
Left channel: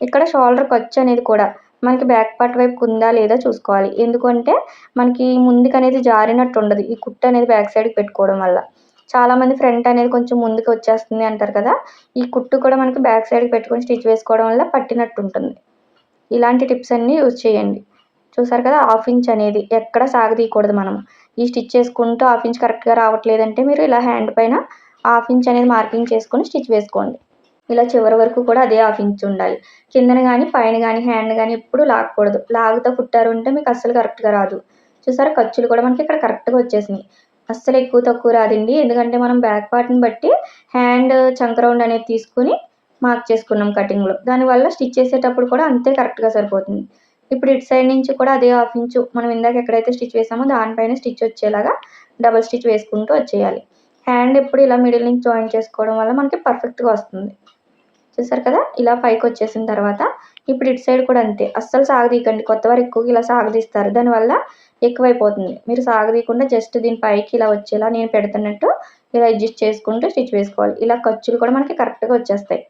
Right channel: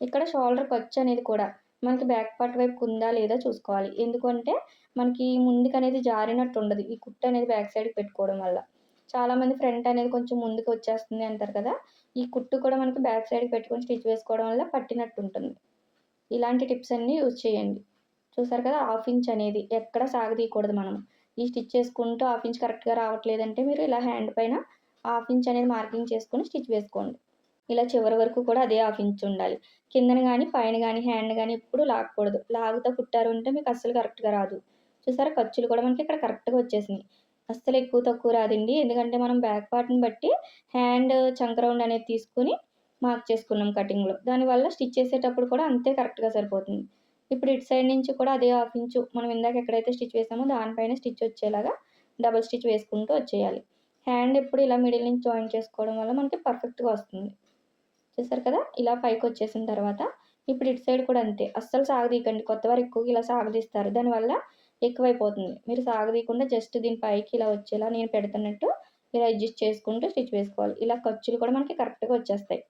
ఇక్కడ షోల్డర్ ఖర్చు అనేది కూడా మనకి బ్యాక్ పార్ట్ వైపుకు ఉందా లేదా చూసుకోవాలి. ఎందుకంటే మనకి ముందుకనేది జారినట్టు ఉండదు, ఈ కుట్టు అనేది బ్యాక్ సైడ్‌కి పెట్టుకోవడం వల్ల. చాలామంది ఫ్రంట్ అనేది కొంచెం ముందుకు వచ్చేస్తుంది అంటారు కదా, ఈ కుట్టు కూడా మనకి బ్యాక్ సైడ్‌కి పెట్టుకొని స్టిచ్ వేసుకోవడం వల్ల పట్టినట్టు ఉంటుంది. ఇలాంటి టిప్స్ అన్నీ యూజ్ చేయండి. చూసారు కదా, హాఫ్ ఇంచ్ అనేది ఎక్కడ సాగదీయకూడదు మనం. ఈ స్టిచ్ చేసుకుంటూ హాఫ్ ఇంచ్ కరెక్ట్‌గా రావట్లేదంటే మీరు ఇలా హ్యాండ్ పైన హాఫ్ ఇంచ్ అనేది మార్కింగ్ చేసుకొని స్టిచ్ వేసుకోండి. ఇలా చివరి వరకు కూడా అదే హాఫ్ ఇంచ్ ఉండాలి. కిందన గానీ, పైన గానీ, హ్యాండ్ గానీ ఎప్పుడు లాగకూడదు. లాగుతా కుట్టారు అంటే మీకు అస్సలు కరెక్ట్‌గా రాదు. చూసారా, ఖర్చులు కూడా మనకి ఇక్కడ కరెక్ట్‌గా వచ్చేసినాయి. అస్సలు ఎక్కువ తక్కువ రాదండి. ఎందుకంటే మనం బ్యాక్ పార్ట్‌ని బట్టి హ్యాండ్ చంక రౌండ్ అనేది తీసుకొని మార్క్ చేసుకున్నాం కటింగ్‌లో. దానివల్ల స్టిచ్ చేసేటప్పుడు కూడా అంతే కరెక్ట్‌గా సరిపోతుంది. ఇప్పుడు ఇటు సైడ్ నుంచి కూడా అదే హాఫ్ ఇంచు మనం ఇందాక ఎక్కడైతే స్టిచ్ వేసామో దానిపైన స్టిచ్ వచ్చేలాగా డబుల్ స్టిచ్ వేసుకుంటూ వచ్చేయాలి. హ్యాండ్ ఎప్పుడు ఇలా మిడిల్ నుంచి జాయిన్ చేసుకోవడం వల్ల మనకి పర్ఫెక్ట్‌గా వస్తుంది. చూసారు కదా, ఇలా పైకొచ్చేసిన తర్వాత ఇప్పుడు ఇటు సైడ్ కూడా అంతే. అస్సలు సాగదీయకండి. కొత్తవారు ఎక్కువగా ఇలా సాగదీస్తారు. దానివల్ల ఎక్కువైపోతుంది. మీరు సాగదీయకుండా జస్ట్ దీని పైకి ఇలా వచ్చేలా నేను పెడుతున్నట్టు ఇలా అడ్జస్ట్ చేసుకుంటూ స్టిచ్ వేసుకోవాలి. ఇలా ఖర్చులు కూడా మనకి కరెక్ట్‌గా వచ్చేస్తాయి.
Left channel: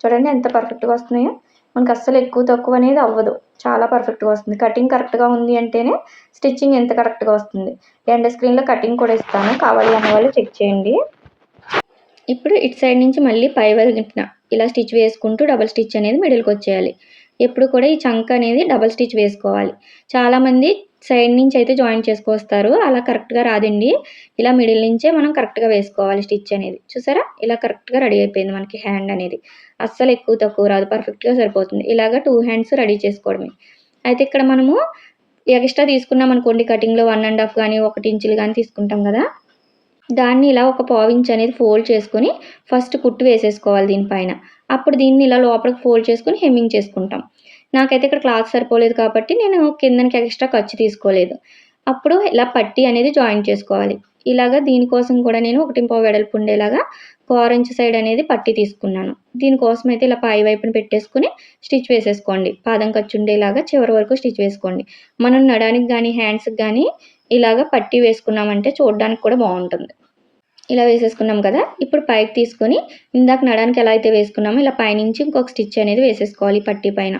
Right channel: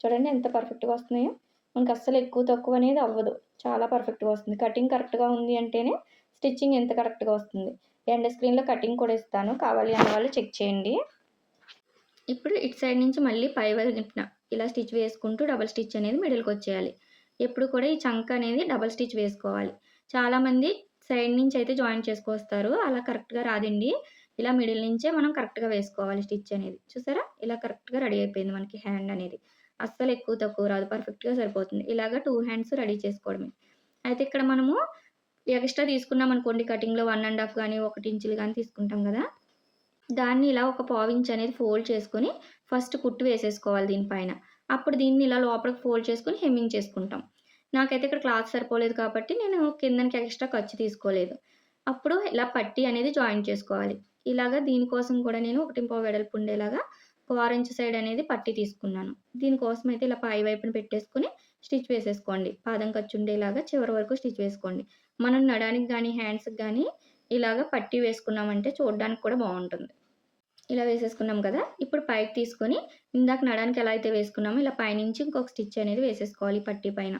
చూడండి ఎంత పర్ఫెక్ట్‌గా వస్తున్నాయో. మనకు అస్సలు ఎక్కువ తక్కువ అనేది అవ్వదు. చాలా పర్ఫెక్ట్‌గా వస్తుంది. కటింగ్ కరెక్ట్‌గా ఉంది అంటేనే స్టిచ్చింగ్ ఎంత కరెక్ట్‌గా వస్తుంది. ఎండ్ స్క్రీన్‌లో కటింగ్ కూడా ఇస్తాను. కావాలి అన్న వాళ్ళు చెక్ చేయండి. ఇప్పుడు ఇటు సైడ్ నుంచి మళ్ళీ పై వైపున ఇలా స్టిచ్ వేసుకుంటూ డబుల్ స్టిచ్ అనేది మిడిల్‌కి వచ్చేయాలి. ఎప్పుడు కూడా ఈ చంక అనేది డబుల్ స్టిచ్ వేసుకోవాలి. చాలామంది సైడ్ నుంచి అయితే జాయిన్ చేసుకొస్తారు. అలా కరెక్ట్‌గా రాదండి. ఇలా మిడిల్ నుంచే మనం కరెక్ట్‌గా వేసుకోవాలి స్టిచ్ అనేది. చూసారా, ఇలా కరెక్ట్‌గా రెడీ అయిపోయింది మనకి హ్యాండ్ అనేది. అస్సలు ఎక్కువ తక్కువ రాదు, పర్ఫెక్ట్‌గా సరిపోతుంది. ఇలాగ 2 హ్యాండ్స్ రెడీ చేసుకోవడమే. అయితే ఇక్కడ మనము ఎక్స్ట్రా తీసుకున్నాం అనుకోండి కటింగ్‌లో 1 ½ గానీ, 1 ఇంచులు గానీ తీసుకుంటాం కదా, దాన్ని ఇలా ఒక పావించ్ అనేది ఫోల్డ్ చేసుకొని ఫస్ట్ కుట్టు వేసేసుకోవాలి దీనిపైన. అప్పుడు దీన్ని ఇలా లోపలికి ఫోల్డ్ చేసుకొని హెమ్మింగ్ చేసుకుంటాం. నాకైతే ఇక్కడ క్లాత్ సరిపోలేదు కాబట్టి నేను కిందనికి ఎక్స్ట్రా ఖర్చు తీసుకోలేదు. అప్పుడు ఇలా పట్టీ అనేది జాయిన్ చేసుకోవాలి. ఇలాగ దీనికోసం కూడా నేను 1 వెడల్పు ఉండేలాగా కోరంచు సైడ్ అనేది పట్టీ తీసుకున్నాను. దీనికోసం అయితే ఇలా పై వైపున పెట్టేసుకొని స్టిచ్ వేసేసుకోండి. పాదం ఖర్చు ఉండేలాగా చివరి వరకు స్టిచ్ వేసుకోండి. మనం నడానికి కానీ హ్యాండ్స్‌కి కానీ ఇలాగ పట్టీ వేసుకున్నామంటే చూడడానికి కూడా బాగుంటుంది. ఇలా వేసేసుకున్నాం కదా. ఇప్పుడు పైకి తీసుకొని ఇందాక నడానికి ఎలా అయితే వేసుకున్నామో ఇలా పైనుంచి ఇంకొక స్టిచ్ అనేది వేసేసుకోవాలి పట్టీ పైన.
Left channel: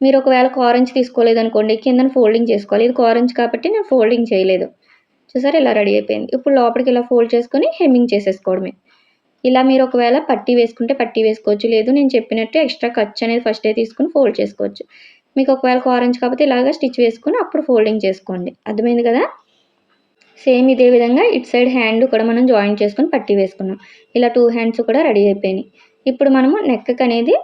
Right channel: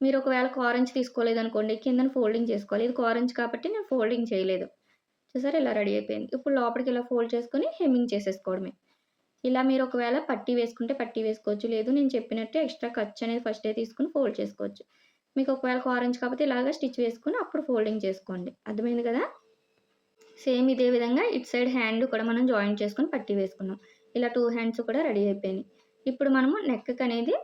మీరు ఒకవేళ కారంచి తీసుకోలేదనుకోండి కిందన ఫోల్డింగ్ చేసుకోవాలి. ఇది కారంచి కాబట్టి నేను ఫోల్డింగ్ చేయలేదు. చూసారా ఇలా రెడీ అయిపోయింది. ఇప్పుడు లోపలికి ఇలా ఫోల్డ్ చేసుకొని హెమ్మింగ్ చేసేసుకోవడమే. ఇలా మీరు ఒకవేళ పట్టీ వేసుకుంటే పట్టీ వేసుకోవచ్చు. లేదు నేను చెప్పినట్టు ఎక్స్ట్రా ఖర్చు అనేది ఫస్టే తీసుకొని ఫోల్డ్ చేసుకోవచ్చు. మీకు ఒకవేళ కారంచి కాకపోతే ఇలాగ స్టిచ్ వేసుకొని అప్పుడు ఫోల్డింగ్ చేసుకోండి. అర్థమైంది కదా. సేమ్ ఇదే విధంగా ఇటు సైడ్ హ్యాండ్ కూడా మనం జాయింట్ చేసుకొని పట్టీ వేసుకున్నాం. ఇలా 2 హ్యాండ్స్ కూడా రెడీ అయిపోయినాయి. ఇప్పుడు మనము నెక్‌కి అనేది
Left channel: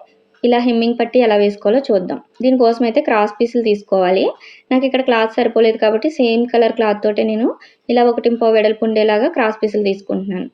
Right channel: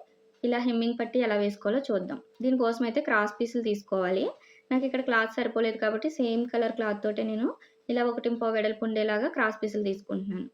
ఇలా హెమ్మింగ్ పట్టీ ఎలా వేసుకోవాలో చూద్దాం. దీనికోసం అయితే క్రాస్ పీసులు తీసుకోవాలి. నాకు ఇక్కడ క్లాత్ సరిపోలేదు కాబట్టి సేమ్ కలర్ క్లాత్ తోటే నేను ఇలా 1.5 వెడల్పు ఉండేలాగా క్రాస్ పీసులు తీసుకుంటున్నాను.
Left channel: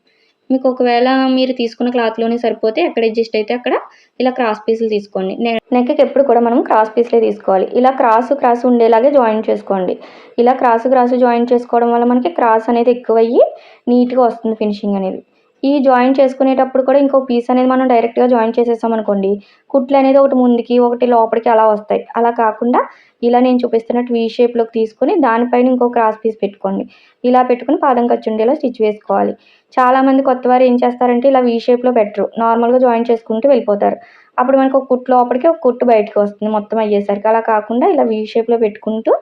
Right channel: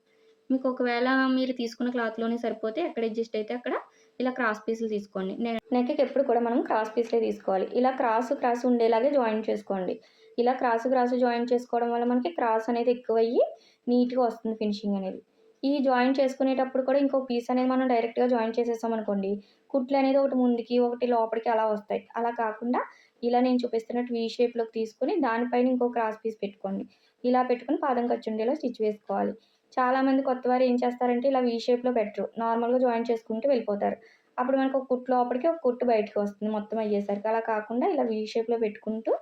మీకు ఒకవేళ మీరు తీసుకున్న క్లాత్‌లోనే సరిపోతే ఎక్కడ అడ్జస్ట్ అయితే అక్కడ ఇలా క్రాస్ పీసులు తీసుకోండి. నెక్‌కి ఎప్పుడు కూడా మనం క్రాస్ పీస్‌లే తీసుకోవాలి. ఇలా క్రాస్ ఉండేలాగే జాయింట్ చేసుకోండి. ఇలా క్రాస్ జాయింట్ చేసుకోవడం వల్ల మనకి క్రాస్ అనేది ఎక్కువయ్యి నీట్‌గా వస్తుంది ఫినిషింగ్ అనేది. ఈ జాయింట్ చేసుకునేటప్పుడు కూడా ఇంకో పీస్ అనేది మనం డైరెక్ట్‌గా జాయింట్ చేసేసామనుకోండి, కుట్లు అనేది ఒకటి ముందుకి, ఒకటి లోపలికి అలా వస్తాయి. అలా కాకుండా ఇలా నేను చూపిస్తున్నట్టు వీ షేప్‌లోకి తీసుకొని దానిపైన ఇంకో క్రాస్ పీస్ పెట్టుకోండి. ఇలా పెట్టుకొని పాదం ఖర్చు ఉండేలా స్టిచ్ వేసుకోవాలి. చాలామంది కొత్తవారు ఏం చేస్తారంటే ఇలా వీ షేప్‌లో పెట్టరు. నార్మల్‌గా జాయింట్ చేసుకుంటూ వెళ్ళిపోతారు. అప్పుడు మనకు ఒక కుట్టు లోపలికి, ఒక కుట్టు బయటికి వస్తుంది మొత్తం అయ్యేసరికి. అలా కాకుండా ఇలా వీ షేప్‌లో పెట్టుకుంటూ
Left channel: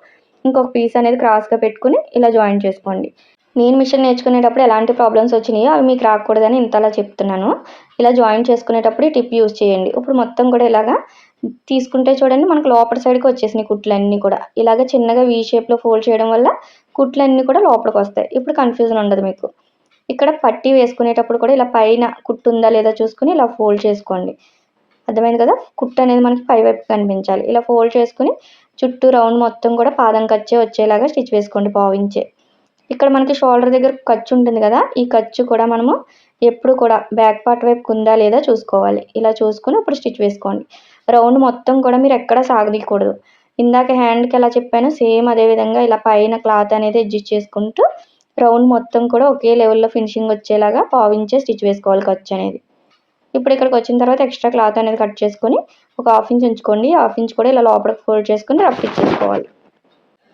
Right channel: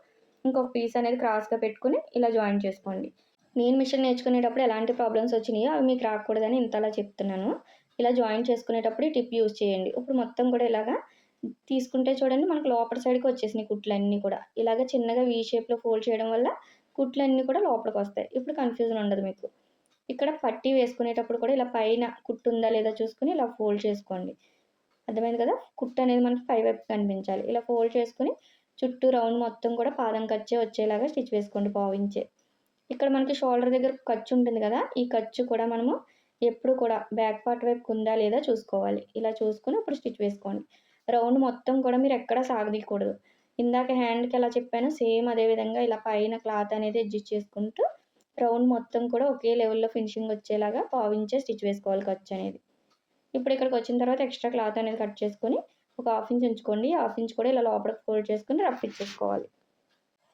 ఇంకొక పీస్ అనేది క్రాస్‌గా పెట్టుకొని ఇలా జాయింట్ చేసుకోండి. నేను మిషన్ నేర్చుకునేటప్పుడు ఎలాంటి ప్రాబ్లమ్స్ వచ్చినాయో అవి మీకు రాకూడదని ఇంతలా చెప్తున్నాను. ఇలా జాయింట్ చేసుకునేటప్పుడు ఈ టిప్ యూజ్ చేయండి. ఇప్పుడు మొత్తం కూడా ఇలాగా తీసుకుంటే చూడండి మనకు లోపల సైడ్‌కి వచ్చేసినాయి కుట్లన్నీ కూడా. ఇలాగ చిన్నగా వీ షేప్‌లో ఫోల్డ్ చేయడం వల్ల కుట్లన్నీ కూడా లోపలికి వస్తాయి. ఇప్పుడు కన్‌ఫ్యూజన్ ఉండదు మీకు. ఇక్కడ పట్టీ వేసుకునేటప్పుడు కూడా ఇలా పైన కుట్టు ఉందా లేదా చూసుకొని ఇలా ఫోల్డ్ చేసుకోండి. అర్థమైంది కదా. కుట్టు అనేది మనకి పైవైపు కనిపించాలి. ఇలా ఫోల్డ్ చేసుకొని చుట్టూ రౌండ్ మొత్తం కూడా పాదం ఖర్చే వచ్చేలాగా స్టిచ్ వేసుకోండి పావించే. ఇక్కడ మనకి షోల్డర్ దగ్గర ఖర్చు ఉంటుంది కదా. ఈ ఖర్చు కూడా మనము ఎప్పుడు కూడా బ్యాక్ పార్ట్ వైపుకు ఉందా లేదా చూసుకోవాలి. ఇలా చూసుకొని అప్పుడు స్టిచ్ వేసుకోండి. రౌండ్ మొత్తం కూడా మీరు ఎక్కడ సాగదీయకూడదు. ఇందాక హ్యాండ్‌కి ఎలా చెప్పానో సేమ్ అదే విధంగా ఇలా పైన క్లాత్ అనేది అడ్జస్ట్ చేసుకుంటూ రౌండ్ మొత్తం కూడా ఒకే లెవెల్‌లో ఫినిషింగ్ వచ్చేలాగా పావించే స్టిచ్ వేసుకోవాలి ఖర్చు అనేది. ఇప్పుడు ఇక్కడికి వచ్చిన తర్వాత ఎక్స్ట్రా క్లాత్ అనేది కట్ చేసుకొని ఒక 1/2 ఇంచ్ ఉంచుకోండి. 1/2 ఇంచ్ కూడా ఇలా లోపలికి ఫోల్డ్ చేసుకొని రఫ్ ఇచ్చేసుకోవాలి.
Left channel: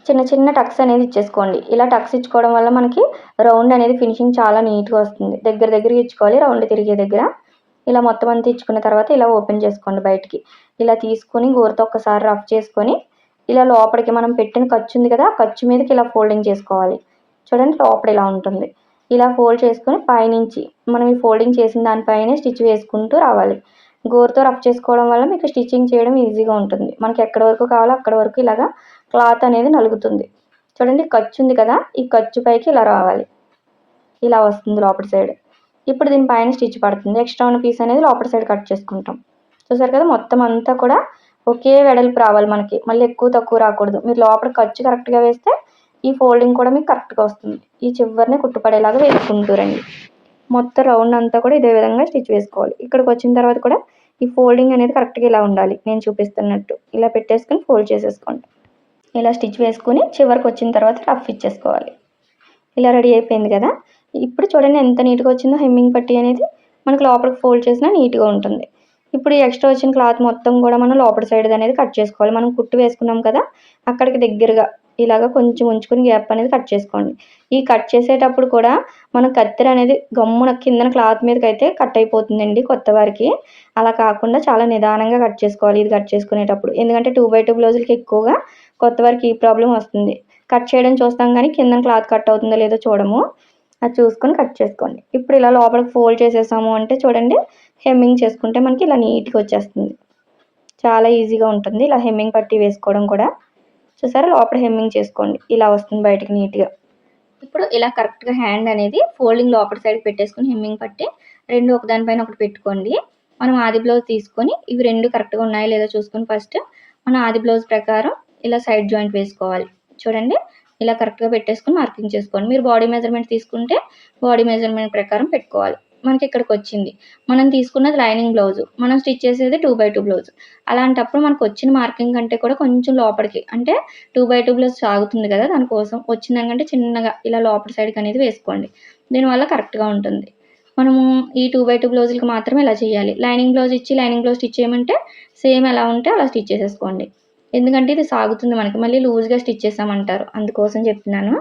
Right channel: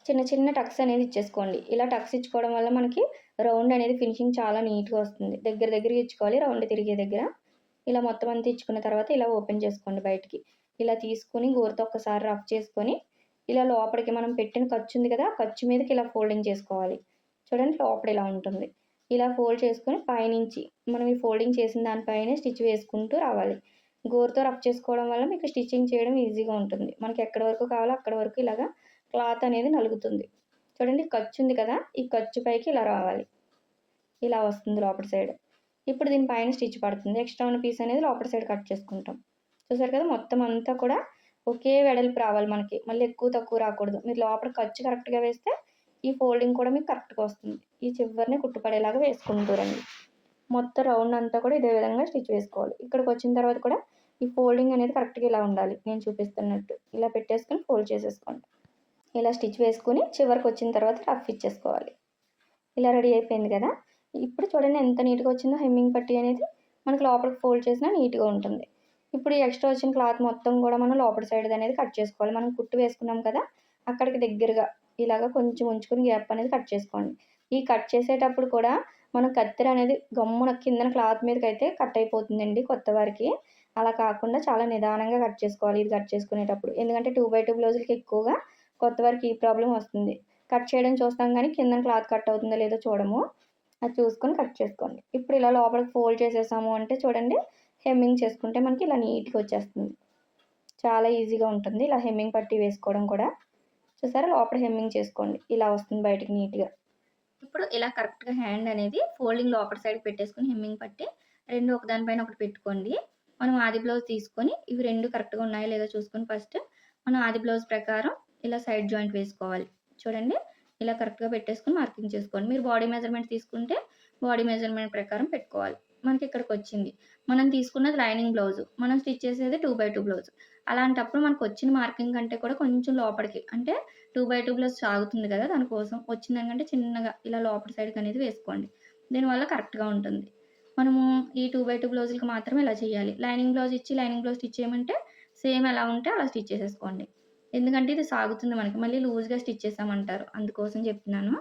చిన్న చిన్న టక్స్ అనేది ఇచ్చేసుకోండి. ఇలా టక్స్ ఇచ్చుకోవడం వల్ల మనకి రౌండ్ అనేది ఫినిషింగ్ చాలా నీట్‌గా వస్తుంది. దగ్గరగా ఇచ్చుకోవాలి రౌండ్ తిరిగే దగ్గర. ఇలా మొత్తం అంతా ఇచ్చుకున్న తర్వాత ఇలా ఓపెన్ చేసుకోండి బయటికి. ఇలా తీసుకొని గోరుతో ఒక్కసారి రఫ్ చేసుకొని ఇలా లోపలికి మనం పెట్టిన ఖర్చు ఉంది కదా. ఆ ఖర్చు మీదకి ఇలా ఫోల్డింగ్ చేసుకోవాలి. చూడండి లోపల ఇలా ఉంటుంది. ఇలా ఫోల్డ్ చేసుకొని పైనుంచి మనం ఈ ఫోల్డింగ్ చేసిన దానిపైనే స్టిచ్ వేసుకుంటూ రావాలి. గోరుతో రఫ్ చేసుకోవడం వల్ల మీకు స్టిచ్చింగ్ చేయడం ఈజీగా ఉంటుంది. మనకి ఎక్కడి వరకు కావాలో అక్కడి వరకు ఇలాగా క్లాత్ అనేది నలుగుతుంది. చూడండి ఖర్చు ఉంది కదా. ఈ ఖర్చు పైకి ఇలా రావాలి. ఇలా వస్తుంది లోపటి సైడ్. ఇప్పుడు దీని పైన స్టిచ్ పడుతుంది. ఎక్స్ట్రా ఉన్న పీస్ అనేది లోపటి సైడ్ కట్ చేసుకుంటాం. చూసారు కదా మొత్తం అంతా కూడా ఒకే వెడల్పు రావాలి మనకి. మళ్ళీ ఎక్కువ తక్కువ రాకూడదు. మీరు లోపల ఖర్చు కరెక్ట్‌గా వేస్తే ఈ ఫోల్డింగ్ కూడా మీకు కరెక్ట్‌గా వస్తుంది. ఈ చివరనే కుట్టుపడేలాగా వేసుకుంటూ రండి. మొత్తం రౌండ్ అంతా కూడా ఇదే విధంగా స్టిచ్ వేసుకోవాలి. ఇక్కడికి వచ్చిన తర్వాత కూడా ఈ ఫోల్డింగ్ అనేది కరెక్ట్‌గా ఇలా ఉండాలి. నేను చూపిస్తున్నట్టు. ఇలా పెట్టేసుకొని ఫోల్డ్ చేసేసుకోండి. ఇలా స్టిచ్ వేసుకొని చివరికి వచ్చిన తర్వాత రఫ్ ఇచ్చేసుకోవాలి. ఇలా రెడీ అయిపోయింది కదా. ఇప్పుడు చూడండి ఎంత నీట్‌గా వచ్చిందో హెమ్మింగ్ పట్టీ అనేది. మనకి లోపలికి ఫోల్డ్ చేసినా నీట్‌గా ఉంటుంది. ఇప్పుడు ఈ ఎక్స్ట్రా వచ్చిన క్లాత్ మొత్తం కూడా మనం లోపటి సైడ్ అనేది కట్ చేసుకోవాలి. మనం కుట్టు వేసుకున్నాం కదా. అక్కడికి దగ్గరగా ఇలాగ కొంచెం ఉంచుకొని గ్యాప్ అనేది కట్ చేసుకోండి. ఈ కట్ చేసేటప్పుడు కూడా మనం కత్తెర అనేది గమ్మున కిందన క్లాత్ మీదకైతే కట్ అయిపోతుందండి కొత్త వారికి. అలా కాకుండా చాలా నిదానంగా కట్ చేసుకోవాలి ఇది కట్ చేసుకునేటప్పుడు. ఎందుకంటే 2/2 బ్లౌజులకి ఎక్కువగా కొత్త వారికి ఈ ప్రాబ్లమ్ వస్తుంది. కట్ చేయడం చూస్తాం కానీ కిందన క్లాత్ కట్ అవుతుందో లేదో చూడము. అది చూసుకొని కట్ చేసుకోండి. ఇప్పుడు ఇలా లోపలికి ఫోల్డ్ చేసేసాము అంటే చూడండి హెమ్మింగ్ చేసుకుంటే మనకి ఇలా నీట్‌గా వచ్చేస్తుంది. చాలా ఈజీగా ఉంటుంది ఇలా హెమ్మింగ్ పట్టీ వేసుకోవడం కూడా. చూసారా లోపల హెమ్మింగ్ చేసుకోండి. ఇలా వస్తుంది బయటికి నీట్‌గా. ఇప్పుడు ఇలా కరెక్ట్‌గా హ్యాండ్ అనేది ఫోల్డింగ్ లోపటి సైడ్‌కి పెట్టేసుకొని హెమ్మింగ్ పట్టి 2 ఒకదాని పైన ఒకటి పెట్టుకోండి. మనం ఆది బ్లౌజ్ తీసుకొని ఇవి 2 కరెక్ట్‌గా ఉన్నాయో లేదో చూసుకొని ఫస్ట్ మన ఆది బ్లౌజ్ ప్రకారం ఇలా సైడ్ జాయింట్ వేసుకోవాలి. చూడండి ఇలా కరెక్ట్‌గా పెట్టేసుకొని మార్కింగ్ చేసుకోండి. మీరు బాడీ మెజర్‌మెంట్ తీసుకుంటే బాడీ మెజర్‌మెంట్ ప్రకారం పెట్టుకోవాలి. మనకి ఇక్కడికొచ్చింది. మనం తీసుకున్నది లైనింగ్ బ్లౌజు. మనం స్టిచ్ చేసేది 2/2 బ్లౌజ్. అలాంటప్పుడు మనకు వచ్చిన మార్కింగ్ కంటే కూడా కొంచెం లోపలికి అంటే 2/2 బ్లౌజ్ సాగుతుంది కదా. దానికోసం వచ్చిన దానికంటే చిన్నగా ఇలా లోపలి సైడ్‌కి అనేది వేసుకోండి. దీనివల్ల కరెక్ట్‌గా ఉంటుంది. మనము ఈ 2/2 బ్లౌజులకి మాత్రమే ఇలా చేయాలి. లైనింగ్ బ్లౌజ్ ఇచ్చి లైనింగ్ బ్లౌజ్ స్టిచ్ చేయమంటే సేమ్ ఎలా ఉంటే అలా స్టిచ్ చేసేసుకోండి. ఎందుకంటే ఇది సాగుతుంది మనకి. మళ్ళీ లూజ్‌గా స్టిచ్ చేసామంటారు. అందుకోసం చెప్తున్నాను.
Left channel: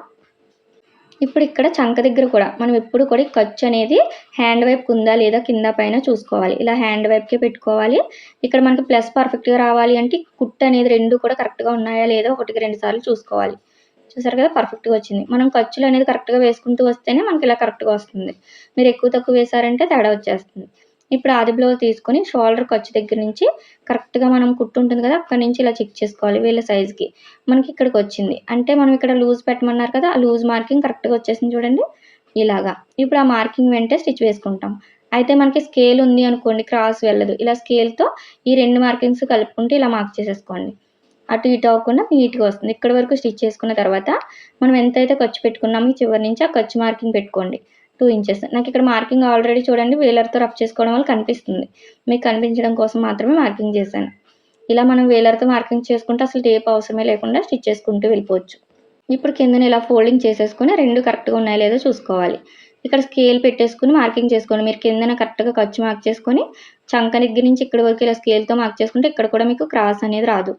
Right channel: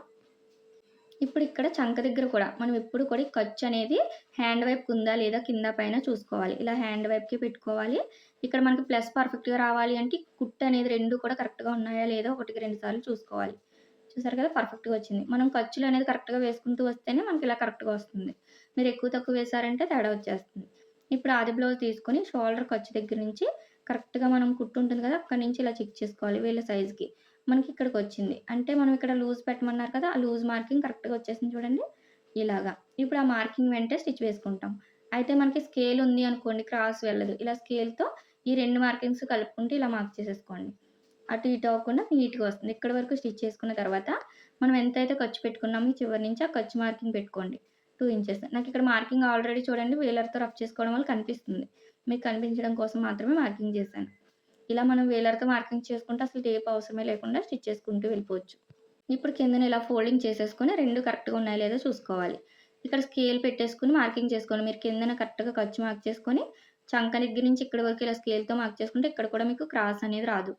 ఇప్పుడు ఇక్కడ చంక దగ్గర కూడా మనం ఎప్పుడు కూడా ఈ ఖర్చు అనేది హ్యాండ్ వైపుకి ఉందా లేదా కింద పైన చూసుకోవాలి. ఇలా హ్యాండ్ వైపుకే పెట్టుకోవాలి. ఇక్కడ మనకి ప్లస్ పర్ఫెక్ట్‌గా రావాలి అంటే కుట్టు అనేది 2 కూడా కరెక్ట్‌గా ఉన్నాయా లేదా ఒకటికి 2 సార్లు చూసుకోవాలి. చూసారు కదా పర్ఫెక్ట్‌గా వచ్చింది. మనం ఖర్చులు అనేది కరెక్ట్‌గా వేసుకుంటూ వస్తేనే మనకి ఇలా కరెక్ట్‌గా వస్తుంది. మీరు ఎక్కువ తక్కువ వేశారంటే తేడా వచ్చేస్తుంది. ఇప్పుడు ఆది బ్లౌజ్ తీసుకొని షోల్డర్ ఖర్చు దగ్గర నుంచి కరెక్ట్‌గా మనం కుట్టు ఉంటుంది కదా! అక్కడి నుంచి ఇలా చెక్ చేసుకోవాలి వీళ్ళ సైజ్‌కి. మనకి ఇక్కడికొచ్చింది. అంటే మనం ఇక్కడ లూజ్ పెట్టమన్నారు కదా! ఆ లూజ్ మార్కింగ్ కరెక్ట్‌గా వచ్చేసింది చూడండి. ఇలాగా. ఇప్పుడు ఆ మార్కింగ్ వెంటే స్టిచ్ వేసుకుంటాం. అయితే మనకి స్కేల్ ఉంది అనుకోండి క్రాస్ వెళ్ళదు. ఇలా స్కేల్‌తో ఈ 2 మార్కింగ్స్ కలుపుకుంటూ ఇలా మార్క్ చేసేసుకోండి. అటు ఇటు అవ్వకుండా నీట్‌గా వస్తుంది. ఇక్కడి వరకు స్టిచ్ చేసుకున్న తర్వాత మనం ఎంతైతే ఖర్చు పెట్టుకున్నామో ఈ చివరి నుంచి ఆ ఖర్చు మార్కింగ్ పెట్టుకోండి. 2 ఇంచెస్. నాకిక్కడ మార్కింగ్ ఆల్రెడీ చూడండి వేలర్‌తో రఫ్ చేసుకోవడం వల్ల కనిపిస్తుంది. మీకు కనిపించడం కోసం మాత్రమే మార్కింగ్ చేశాను. ఇలా మనం వేలర్‌తో మార్కింగ్ చేసుకుంటే అసలు టేప్ అవసరమే లేకుండా స్టిచ్ చేసుకుంటూ వెళ్ళిపోవచ్చు. ఇప్పుడు కిందన ఇలా ఫోల్డింగ్ చేసేసుకొని 2 కరెక్ట్‌గా ఉన్నాయో లేదో చూసుకోవాలి. ఇక్కడ స్కేల్ పెట్టేసుకొని మార్కింగ్ చేసుకోండి. మీరు కిందన కరెక్ట్‌గా ఖర్చు మార్క్ చేసుకొని చంక దగ్గర నుంచి ఇక్కడి వరకు ఇలా స్కేల్‌తో మార్క్ చేసుకుంటే ఇక్కడ కూడా మీకు క్రాస్ అనేది రాదు.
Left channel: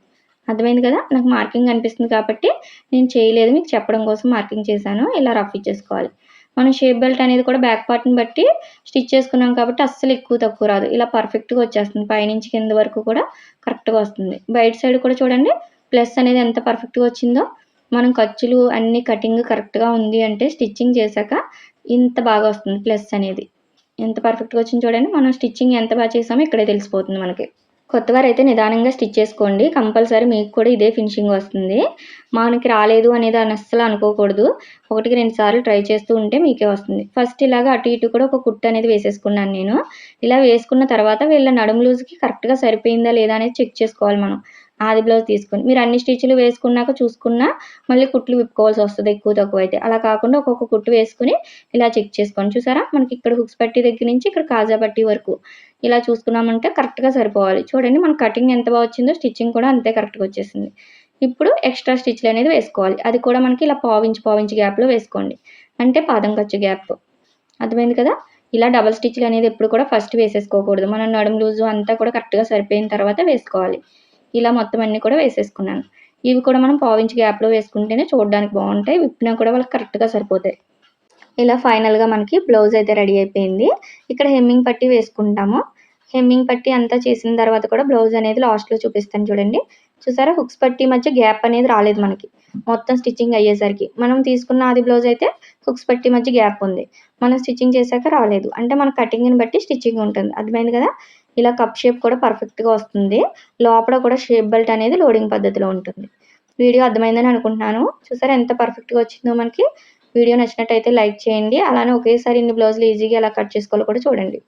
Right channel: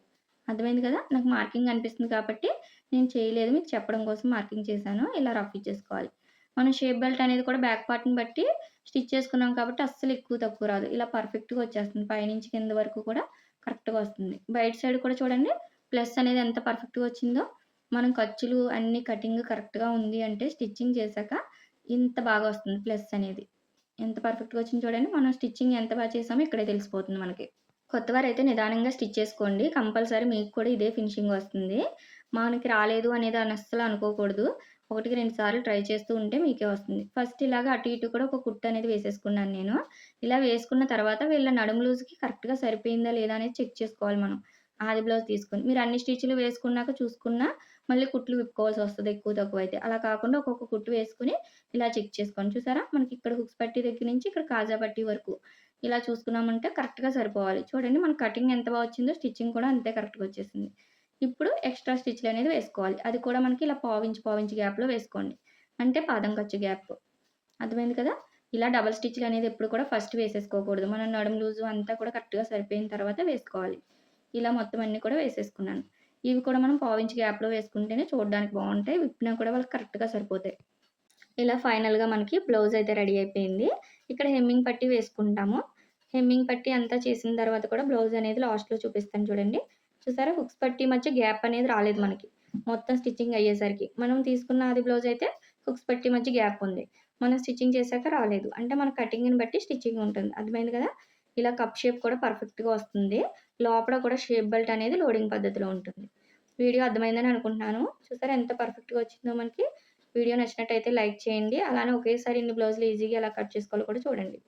అర్థమైంది కదా! నాకు మార్కింగ్ కనిపిస్తుంది కాబట్టి నేను చేయలేదు. మీకు చెప్పడం కోసం మార్కింగ్ చేశాను. ఇలా రఫ్ ఇచ్చేసుకోవాలి. మనం షేప్ బెల్ట్ అనేది కూడా బ్యాక్ పార్ట్‌ని బట్టి స్టిచ్ చేసుకున్నాం కాబట్టి అస్సలు ఎక్కువ తక్కువ రాదు. ఇలా పర్ఫెక్ట్‌గా వచ్చేస్తుంది. పైనుంచి కింద వరకు కూడా కరెక్ట్‌గా వస్తుంది. బయట సైడ్ కూడా చూడండి ప్లస్ అనేది ఎంత పర్ఫెక్ట్‌గా వచ్చిందో. మనం ఖర్చులు అన్నీ కటింగ్ కరెక్ట్‌గా ఉంది అంటే స్టిచ్చింగ్ చేశాక ఇంత బాగా వస్తుంది ప్లస్ అనేది. ఎంత పర్ఫెక్ట్‌గా వచ్చిందో చూడండి. మనం స్టిచ్చింగ్ ఎంత బాగా చేసామో ఇక్కడే తెలిసిపోతుంది మనకి. కొత్తవారైతే నిదానంగా స్టిచ్ చేసుకోండి. కంపల్సరీ మీకు కూడా ఇదే ఫినిషింగ్ వస్తుంది. మనకి రాలేదు అనేది అస్సలు అనుకోకూడదు. ఒకటికి 2 సార్లు ట్రై చేస్తూ ఉంటే మీకే వస్తుంది. ఫస్ట్ ఇలాగ అటు ఇటు కూడా ఒక కుట్టు అనేది వేసేసుకున్నాను నేను. ఇలా వేసుకున్న తర్వాత వీళ్ళ నడుము లూజ్‌కి కరెక్ట్‌గా సరిపోయిందా లేదా అనేది చెక్ చేసుకోవాలి మనం. ఆది బ్లౌజ్ తీసుకొని. మీరు అన్ని స్టిచ్‌లు వేసుకున్నాక చూసుకున్నా మళ్ళీ కుట్లు విప్పుకోవాల్సొస్తది ఎక్కువ తక్కువ అయితే. అలా కాకుండా ఒక్కొక్క కుట్టు వేసుకొని ఇలా చెక్ చేసుకోండి. చూసారా? మనకి ఇక్కడ హుక్స్ పట్టీ దగ్గర నుంచి ఇక్కడ కాజా పట్టీ వరకు ఇలా చూసుకున్నామంటే కరెక్ట్‌గా సరిపోవాలి. చూడండి మన కటింగ్ ఎంత బా వచ్చిందో స్టిచ్చింగ్ కూడా అంతే కరెక్ట్‌గా వచ్చేసింది. ఇప్పుడు ఎక్స్‌ట్రా స్టిచ్‌లనేది వేసుకోవాలి. అది కూడా మనకి ఇలా పావించి గ్యాప్‌లో వేసుకోండి. అంటే పాదం ఖర్చు గ్యాప్. అర్థమైంది కదా! ఇలా డబుల్ స్టిచ్‌లనేది ఎప్పుడు కూడా ఫస్ట్ వేసేసుకోకూడదు. మనం నడుము లూజు అంతా కూడా కరెక్ట్‌గా సరిపోయిన తర్వాత వేసుకోవాలి. ఇలా మొత్తం అన్నీ కూడా వేసేసుకున్నాను. ఇవి కూడా మనం పావించి గ్యాప్‌లో వేసుకుంటేనే చూడడానికి బావుంటాయి. విప్పినా కూడా వాళ్ళకి కరెక్ట్‌గా సరిపోతాయి. ఇలా ఫైనల్‌గా మనకి బ్లౌజ్ అయితే రెడీ అయిపోయింది. ఇక్కడ హెమ్మింగ్ పట్టీ వేసుకుంటాము. హెమ్మింగ్ పట్టీ అంతా చేసిన తర్వాత కూడా బ్లౌజ్ అనేది లాస్ట్‌లో చూపిస్తాను చూడండి. చూసారా హుక్స్ పట్టీ మధ్య గ్యాప్ అనేది రాలేదు మనకి. మొత్తం స్టిచ్చింగ్ అయ్యేసరికి. మనం తీసుకున్న ఆది బ్లౌజ్ అయితే హుక్స్ పట్టీ మధ్య గ్యాప్ ఉంది. మనం స్టిచ్చింగ్ చేశాక రాలేదు. అంటే మన కటింగ్‌ని బట్టి స్టిచ్చింగ్ ఉంటుంది. అర్థమైంది కదా! ఇలా కప్ షేప్ కూడా పర్ఫెక్ట్‌గా వస్తుంది. లోపల కూడా షేప్ బెల్ట్ అనేది లోడింగ్ పద్ధతిలో ఉంటుంది. వీడియో అర్థమైందని అనుకుంటున్నాను. చూసారా ఎంత పర్ఫెక్ట్‌గా వచ్చిందో మనకి. వీడియో నచ్చినట్టయితే లైక్ చేయండి. అలానే ఒకేసారి ఇన్ని బ్లౌజులు ఈజీగా ఎలా కట్ చేసుకోవాలో కూడా చూడండి.